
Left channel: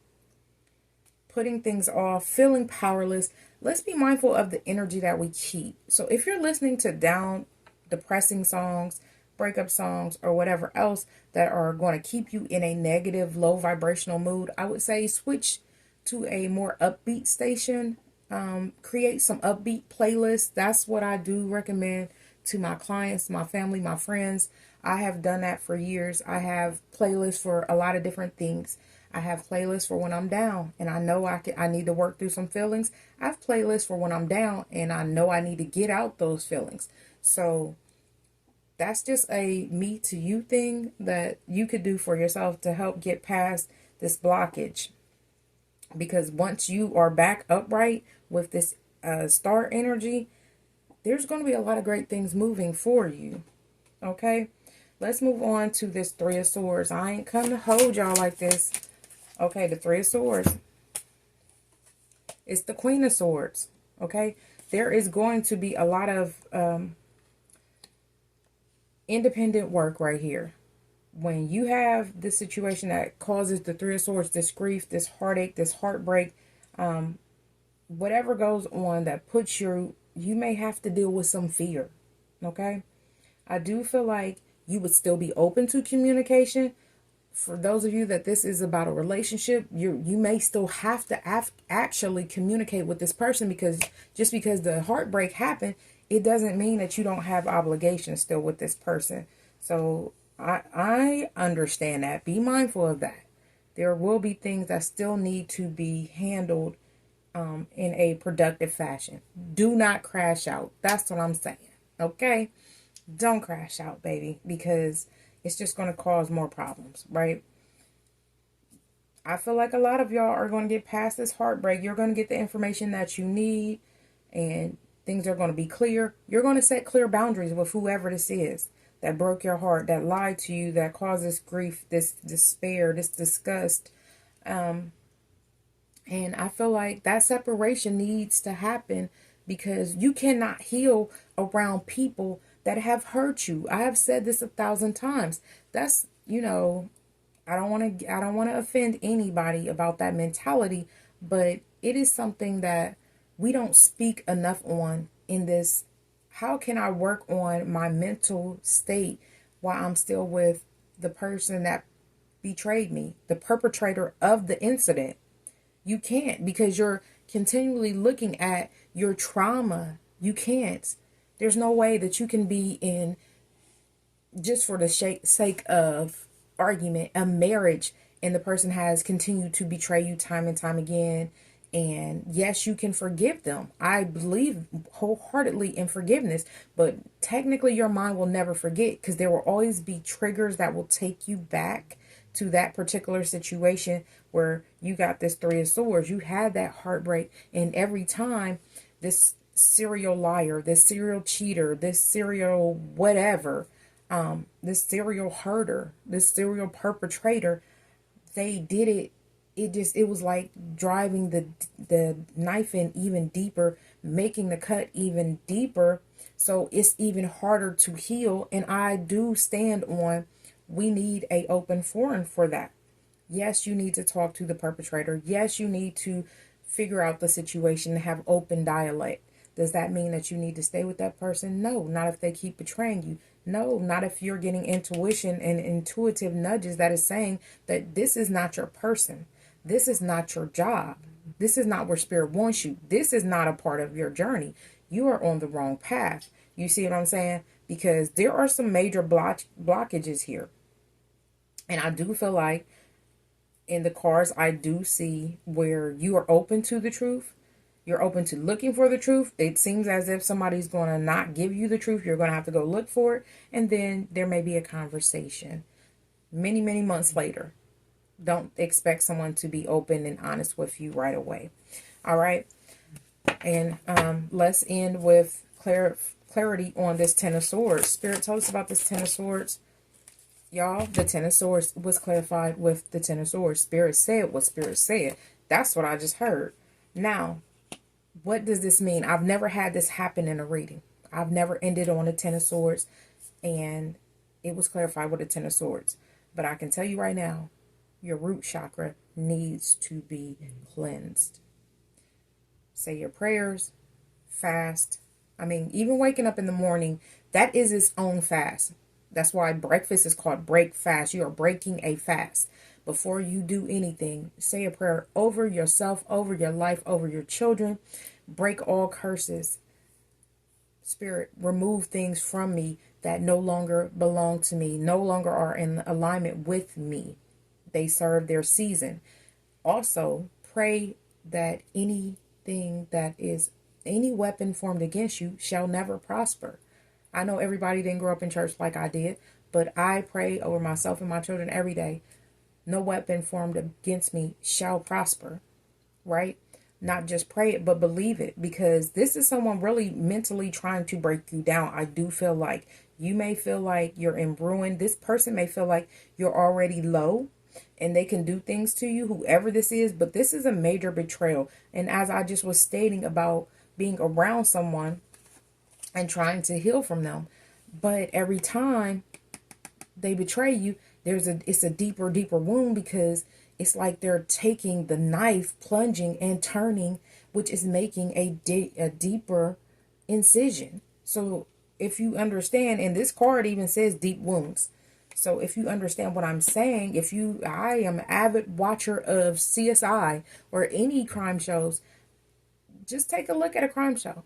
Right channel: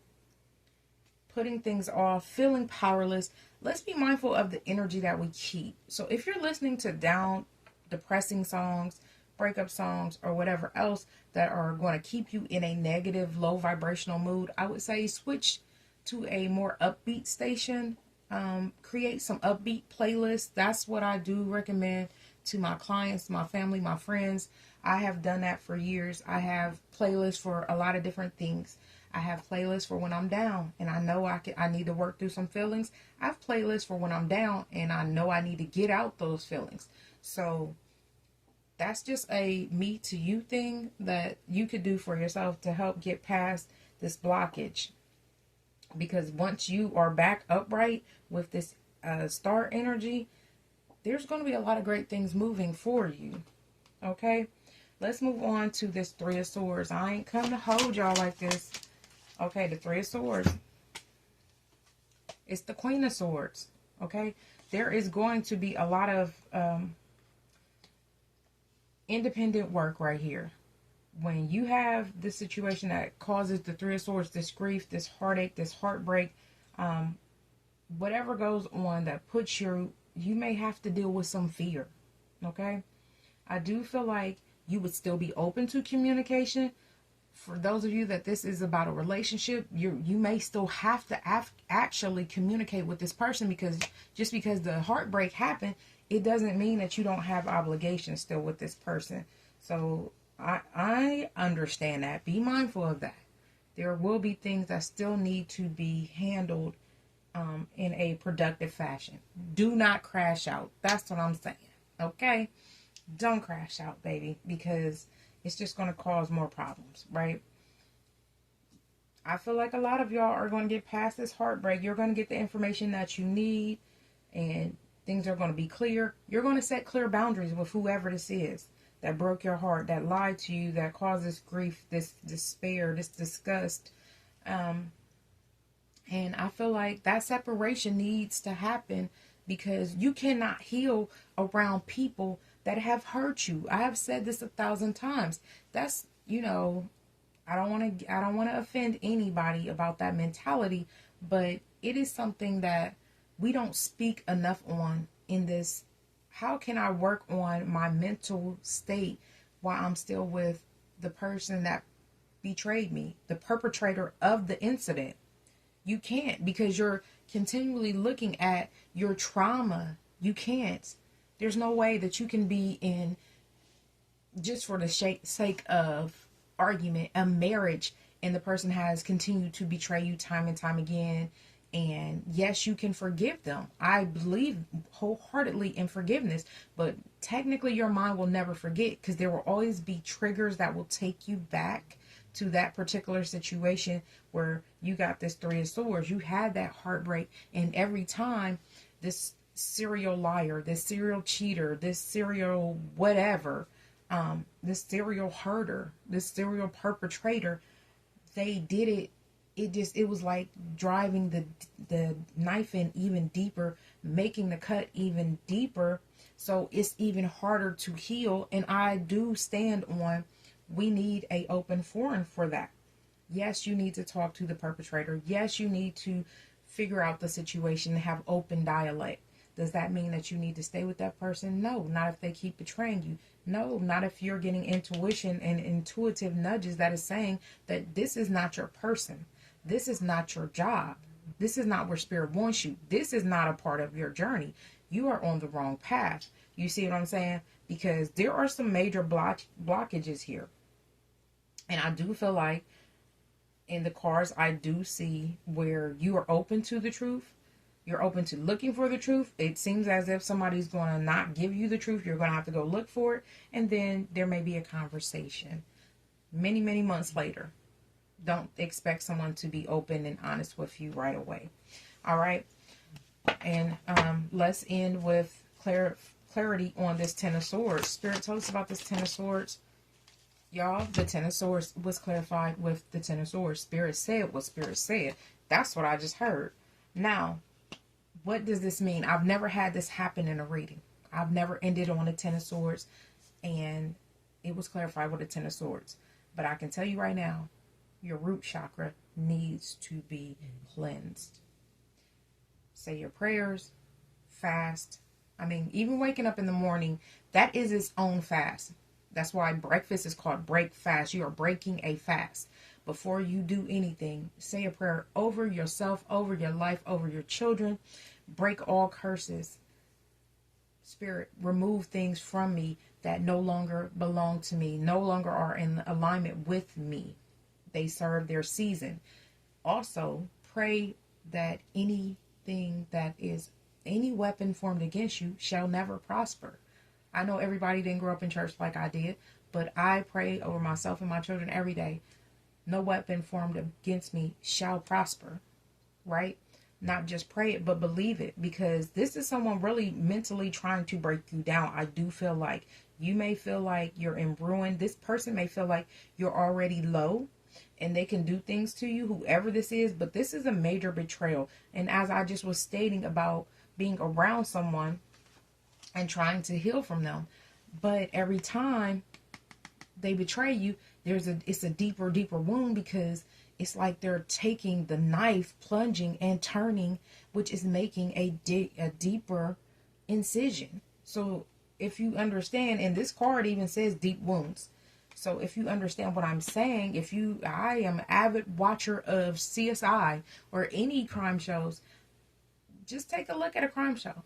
Putting things off, feeling powerless. Let's be mindful of the energy that we keep. So if you're listening to down, depressing songs, breakup songs, or whatever else that are going to keep you in a negative, low vibrational mood, I would say switch to a more upbeat station. Create some upbeat playlists. That's what I do recommend to my clients, my family, my friends. I have done that for years. I have playlists for a lot of different things. I have playlists for when I'm down and I know I need to work through some feelings. I have playlists for when I'm down and I know I need to get out those feelings. So that's just a me to you thing that you could do for yourself to help get past this blockage. Because once you are back upright with this star energy, there's going to be a lot of great things moving for you. Okay? Let's move on to this 3 of Swords. I ain't come to hold y'all like this. Okay, the 3 of Swords. It's the Queen of Swords. Okay? There is going to be a lot of independent work right here. When you have this situation that causes the 3 of Swords, this grief, this heartache, this heartbreak, whatever goes on that puts you may have to deal with some fear. Okay? I do feel like you would still be open to communication. For those of you that this is about a relationship, you may still have to actually communicate with this person, because just because the heartbreak happened, it doesn't mean that you don't have obligations still with this person. So I understand that. Be mindful of that. There will be things that still need to be handled in a productive fashion. Do not crash out. That's what I'm saying. Okay? Don't crash out, baby, because it's just going to cause more problems, right? I feel like a lot of y'all are going to get past this heartbreak. You're going to get the information that you need, and things are going to be clear. You're going to set clear boundaries with whoever this is that broke your heart, that lied to you, that causes grief, this despair, this disgust. And I feel like that separation needs to happen because you cannot heal around people that have hurt you. I have said this 1,000 times. That's, I don't want to offend anybody about that mentality, but it is something that we don't speak enough on in this. How can I work on my mental state while I'm still with the person that betrayed me, the perpetrator of the incident? You can't, because you're continually looking at your trauma. You can't. There's no way that you can be in, just for the sake of argument, a marriage, and the person has continued to betray you time and time again. And yes, you can forgive them. I believe wholeheartedly in forgiveness, but technically your mind will never forget, because there will always be triggers that will take you back to that particular situation where you got this Three of Swords. You had that heartbreak, and every time this serial liar, this serial cheater, this serial whatever, this serial herder, this serial perpetrator, they did it. It was like driving the knife in even deeper, making the cut even deeper. So it's even harder to heal. And I do stand on, we need a open forum for that. Yes, you need to talk to the perpetrator. Yes, you need to figure out the situation and have open dialect. Does that mean that you need to stay with that person? No, not if they keep betraying you. No, not if you're getting intuition and intuitive nudges that is saying that this is not your person. This is not your job. This is not where spirit wants you. This is not a part of your journey. You are on the wrong path. You see what I'm saying? Because there are some major blockages here. And I do feel like in the cards, I do see where you are open to the truth. You're open to looking for the truth. It seems as if somebody's going to not give you the truth. You're going to have to go look for it. And then there may be a conversation many, many months later. Don't expect someone to be open and honest with you right away. All right. And let's end with clarity on this Ten of Swords. Spirit, tell us about this Ten of Swords. Y'all, the Ten of Swords was clarified with the Ten of Swords. Spirit said what Spirit said. That's what I just heard. Now, what does this mean? I've never had this happen in a reading. I've never ended on a Ten of Swords, and it was clarified with a Ten of Swords. But I can tell you right now, your root chakra needs to be cleansed. Say your prayers, fast. I mean, even waking up in the morning, that is its own fast. That's why breakfast is called break fast. You are breaking a fast. Before you do anything, say a prayer over yourself, over your life, over your children. Break all curses. Spirit, remove things from me that no longer belong to me, no longer are in alignment with me. They serve their season. Also, pray that anything that is any weapon formed against you shall never prosper. I know everybody didn't grow up in church like I did, but I pray over myself and my children every day. No weapon formed against me shall prosper, right? Not just pray it, but believe it, because this is someone really mentally trying to break you down. I do feel like you may feel like you're in ruin. This person may feel like you're already low and they can do things to you, whoever this is, but this is a major betrayal. And as I just was stating about being around someone and trying to heal from them, but every time they betray you, it's a deeper wound, because it's like they're taking the knife, plunging and turning, which is making a deeper incision. So if you understand, and this card even says deep wounds. So if you understand what I'm saying, I am an avid watcher of CSI or any crime shows, just take a look at a crime show.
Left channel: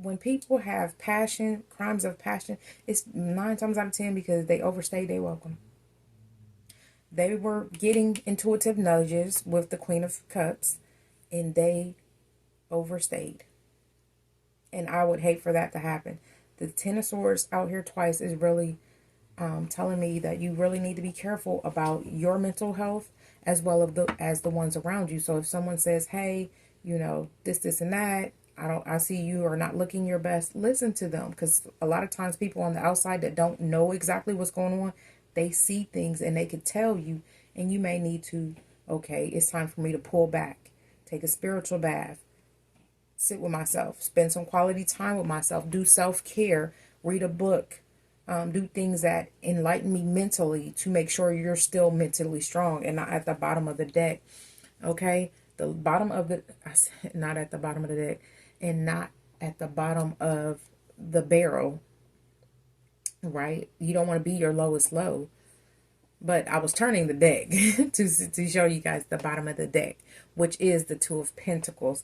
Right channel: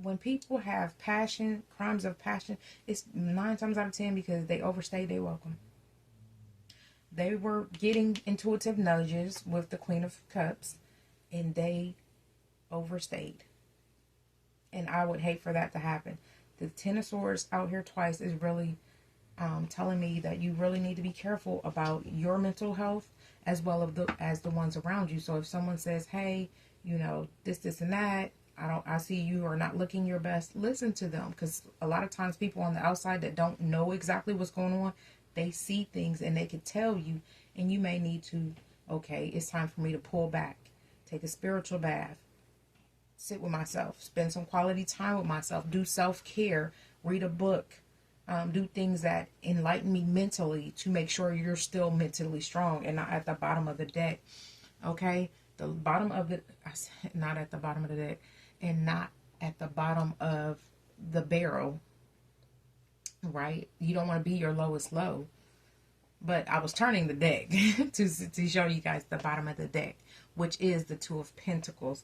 When people have passion, crimes of passion, it's 9 times out of 10 because they overstayed their welcome. They were getting intuitive nudges with the Queen of Cups, and they overstayed. And I would hate for that to happen. The Ten of Swords out here twice is really telling me that you really need to be careful about your mental health as well as the ones around you. So if someone says, hey, this and that, I see you are not looking your best, listen to them, because a lot of times people on the outside that don't know exactly what's going on, they see things and they could tell you, and you may need to, Okay, it's time for me to pull back, take a spiritual bath, sit with myself, spend some quality time with myself, do self-care, read a book, do things that enlighten me mentally to make sure you're still mentally strong and not at the bottom of the deck. Okay, the bottom of the, not at the bottom of the deck, and not at the bottom of the barrel, right? You don't want to be your lowest low. But I was turning the deck to show you guys the bottom of the deck, which is the Two of Pentacles.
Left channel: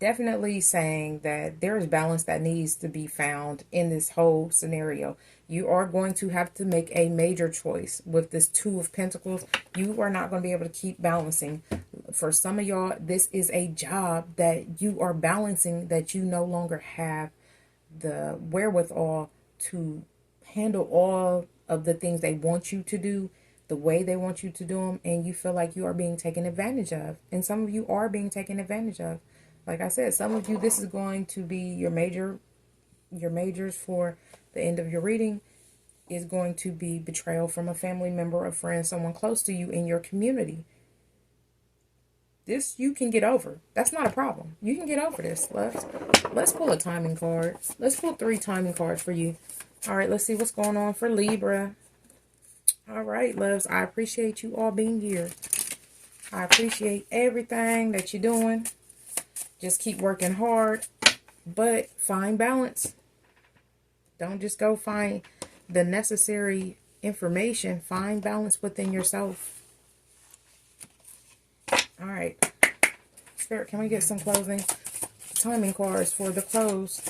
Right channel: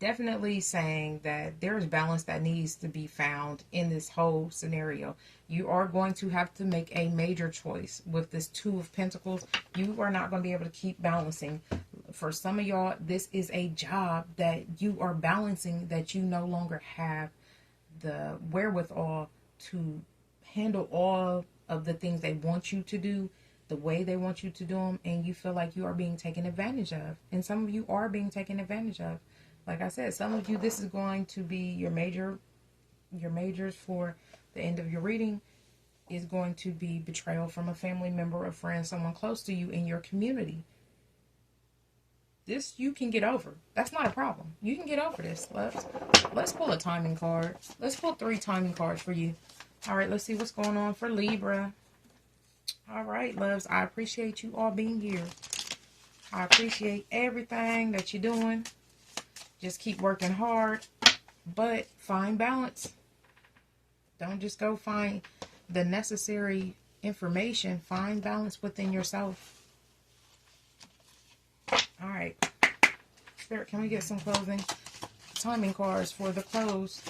Definitely saying that there's balance that needs to be found in this whole scenario. You are going to have to make a major choice with this Two of Pentacles. You are not going to be able to keep balancing. For some of y'all, this is a job that you are balancing that you no longer have the wherewithal to handle all of the things they want you to do the way they want you to do them, and you feel like you are being taken advantage of. And some of you are being taken advantage of. Like I said, some of you, this is going to be your majors for the end of your reading is going to be betrayal from a family member, a friend, someone close to you in your community. This you can get over. That's not a problem. You can get over this. Let's pull a timing card. Let's pull 3 timing cards for you. All right, let's see what's going on for Libra. All right, loves, I appreciate you all being here. I appreciate everything that you're doing. Just keep working hard, but find balance. Don't just go find the necessary information. Find balance within yourself. All right. Spirit, can we get some closing timing cards for the close?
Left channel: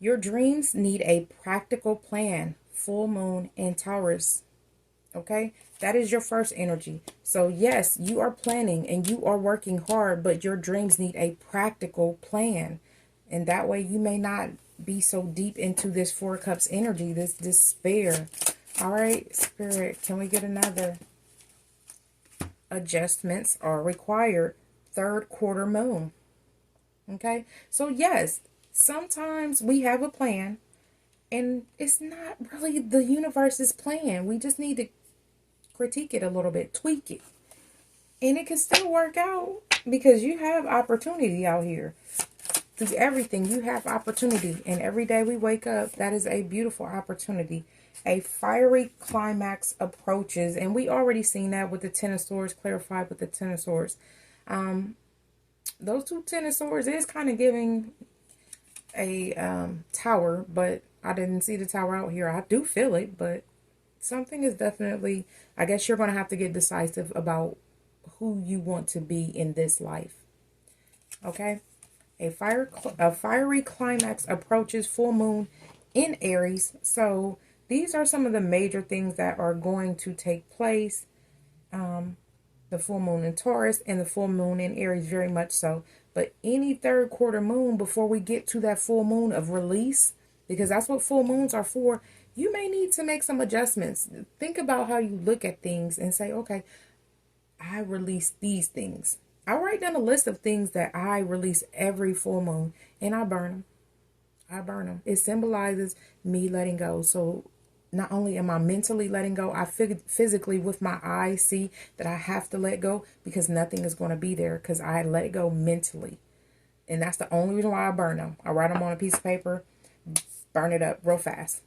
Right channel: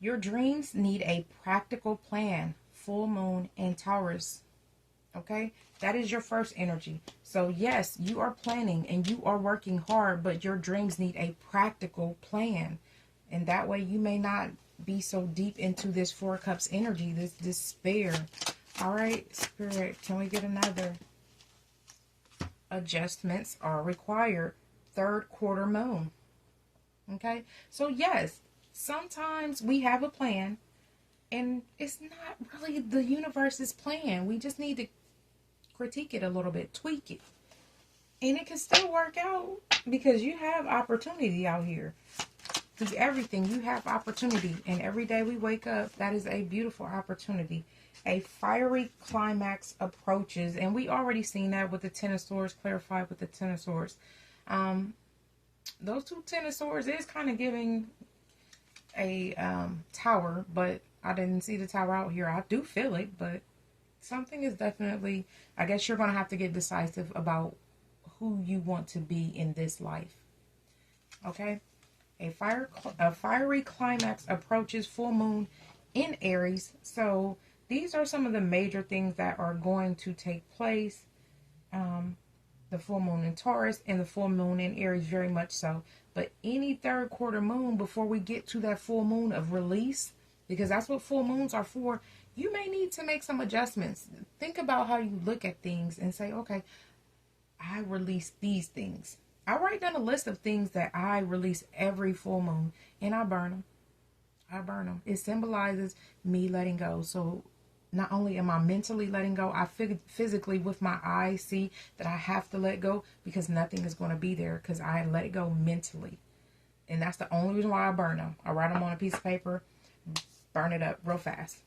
Your dreams need a practical plan. Full moon and Taurus. Okay? That is your first energy. So yes, you are planning and you are working hard, but your dreams need a practical plan. And that way you may not be so deep into this 4 Cups energy, this despair. All right, Spirit, can we get another? Adjustments are required. 3rd quarter moon. Okay? So yes, sometimes we have a plan and it's not really the universe's plan. We just need to critique it a little bit, tweak it. And it can still work out because you have opportunity out here. Through everything, you have opportunity. And every day we wake up, that is a beautiful opportunity. A fiery climax approaches. And we already seen that with the Ten of Swords, clarified with the Ten of Swords. Those 2 Ten of Swords is kind of giving a tower, but I didn't see the tower out here. I do feel it, but something is definitely, I guess you're going to have to get decisive about who you want to be in this life. Okay? A fiery climax approaches, full moon in Aries. So these are some of the major things that are going to take place. The full moon in Taurus and the full moon in Aries, very much so. But any 3rd quarter moon, before we get to that full moon of release, because that's what full moons are for, you may need to make some adjustments. Think about how you look at things and say, okay, I release these things. I write down a list of things that I release every full moon, and I burn them. I burn them. It symbolizes me letting go. So not only am I mentally letting go, I physically with my eyes see that I have to let go because nothing is going to be there because I let it go mentally. And that's the only reason why I burn them. I write them on a piece of paper, burn it up real fast.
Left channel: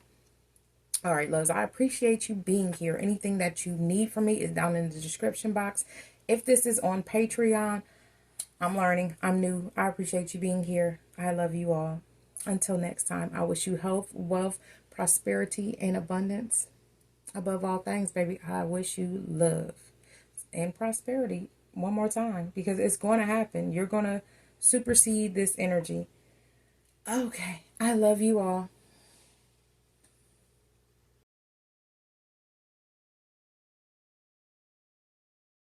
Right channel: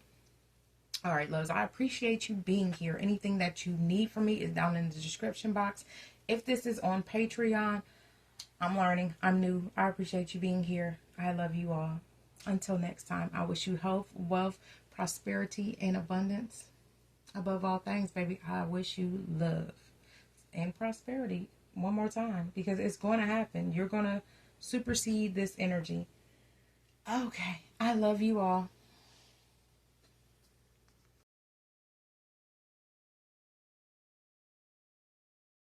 All right, loves, I appreciate you being here. Anything that you need from me is down in the description box. If this is on Patreon, I'm learning. I'm new. I appreciate you being here. I love you all. Until next time, I wish you health, wealth, prosperity, and abundance. Above all things, baby, I wish you love and prosperity one more time because it's going to happen. You're going to supersede this energy. Okay. I love you all.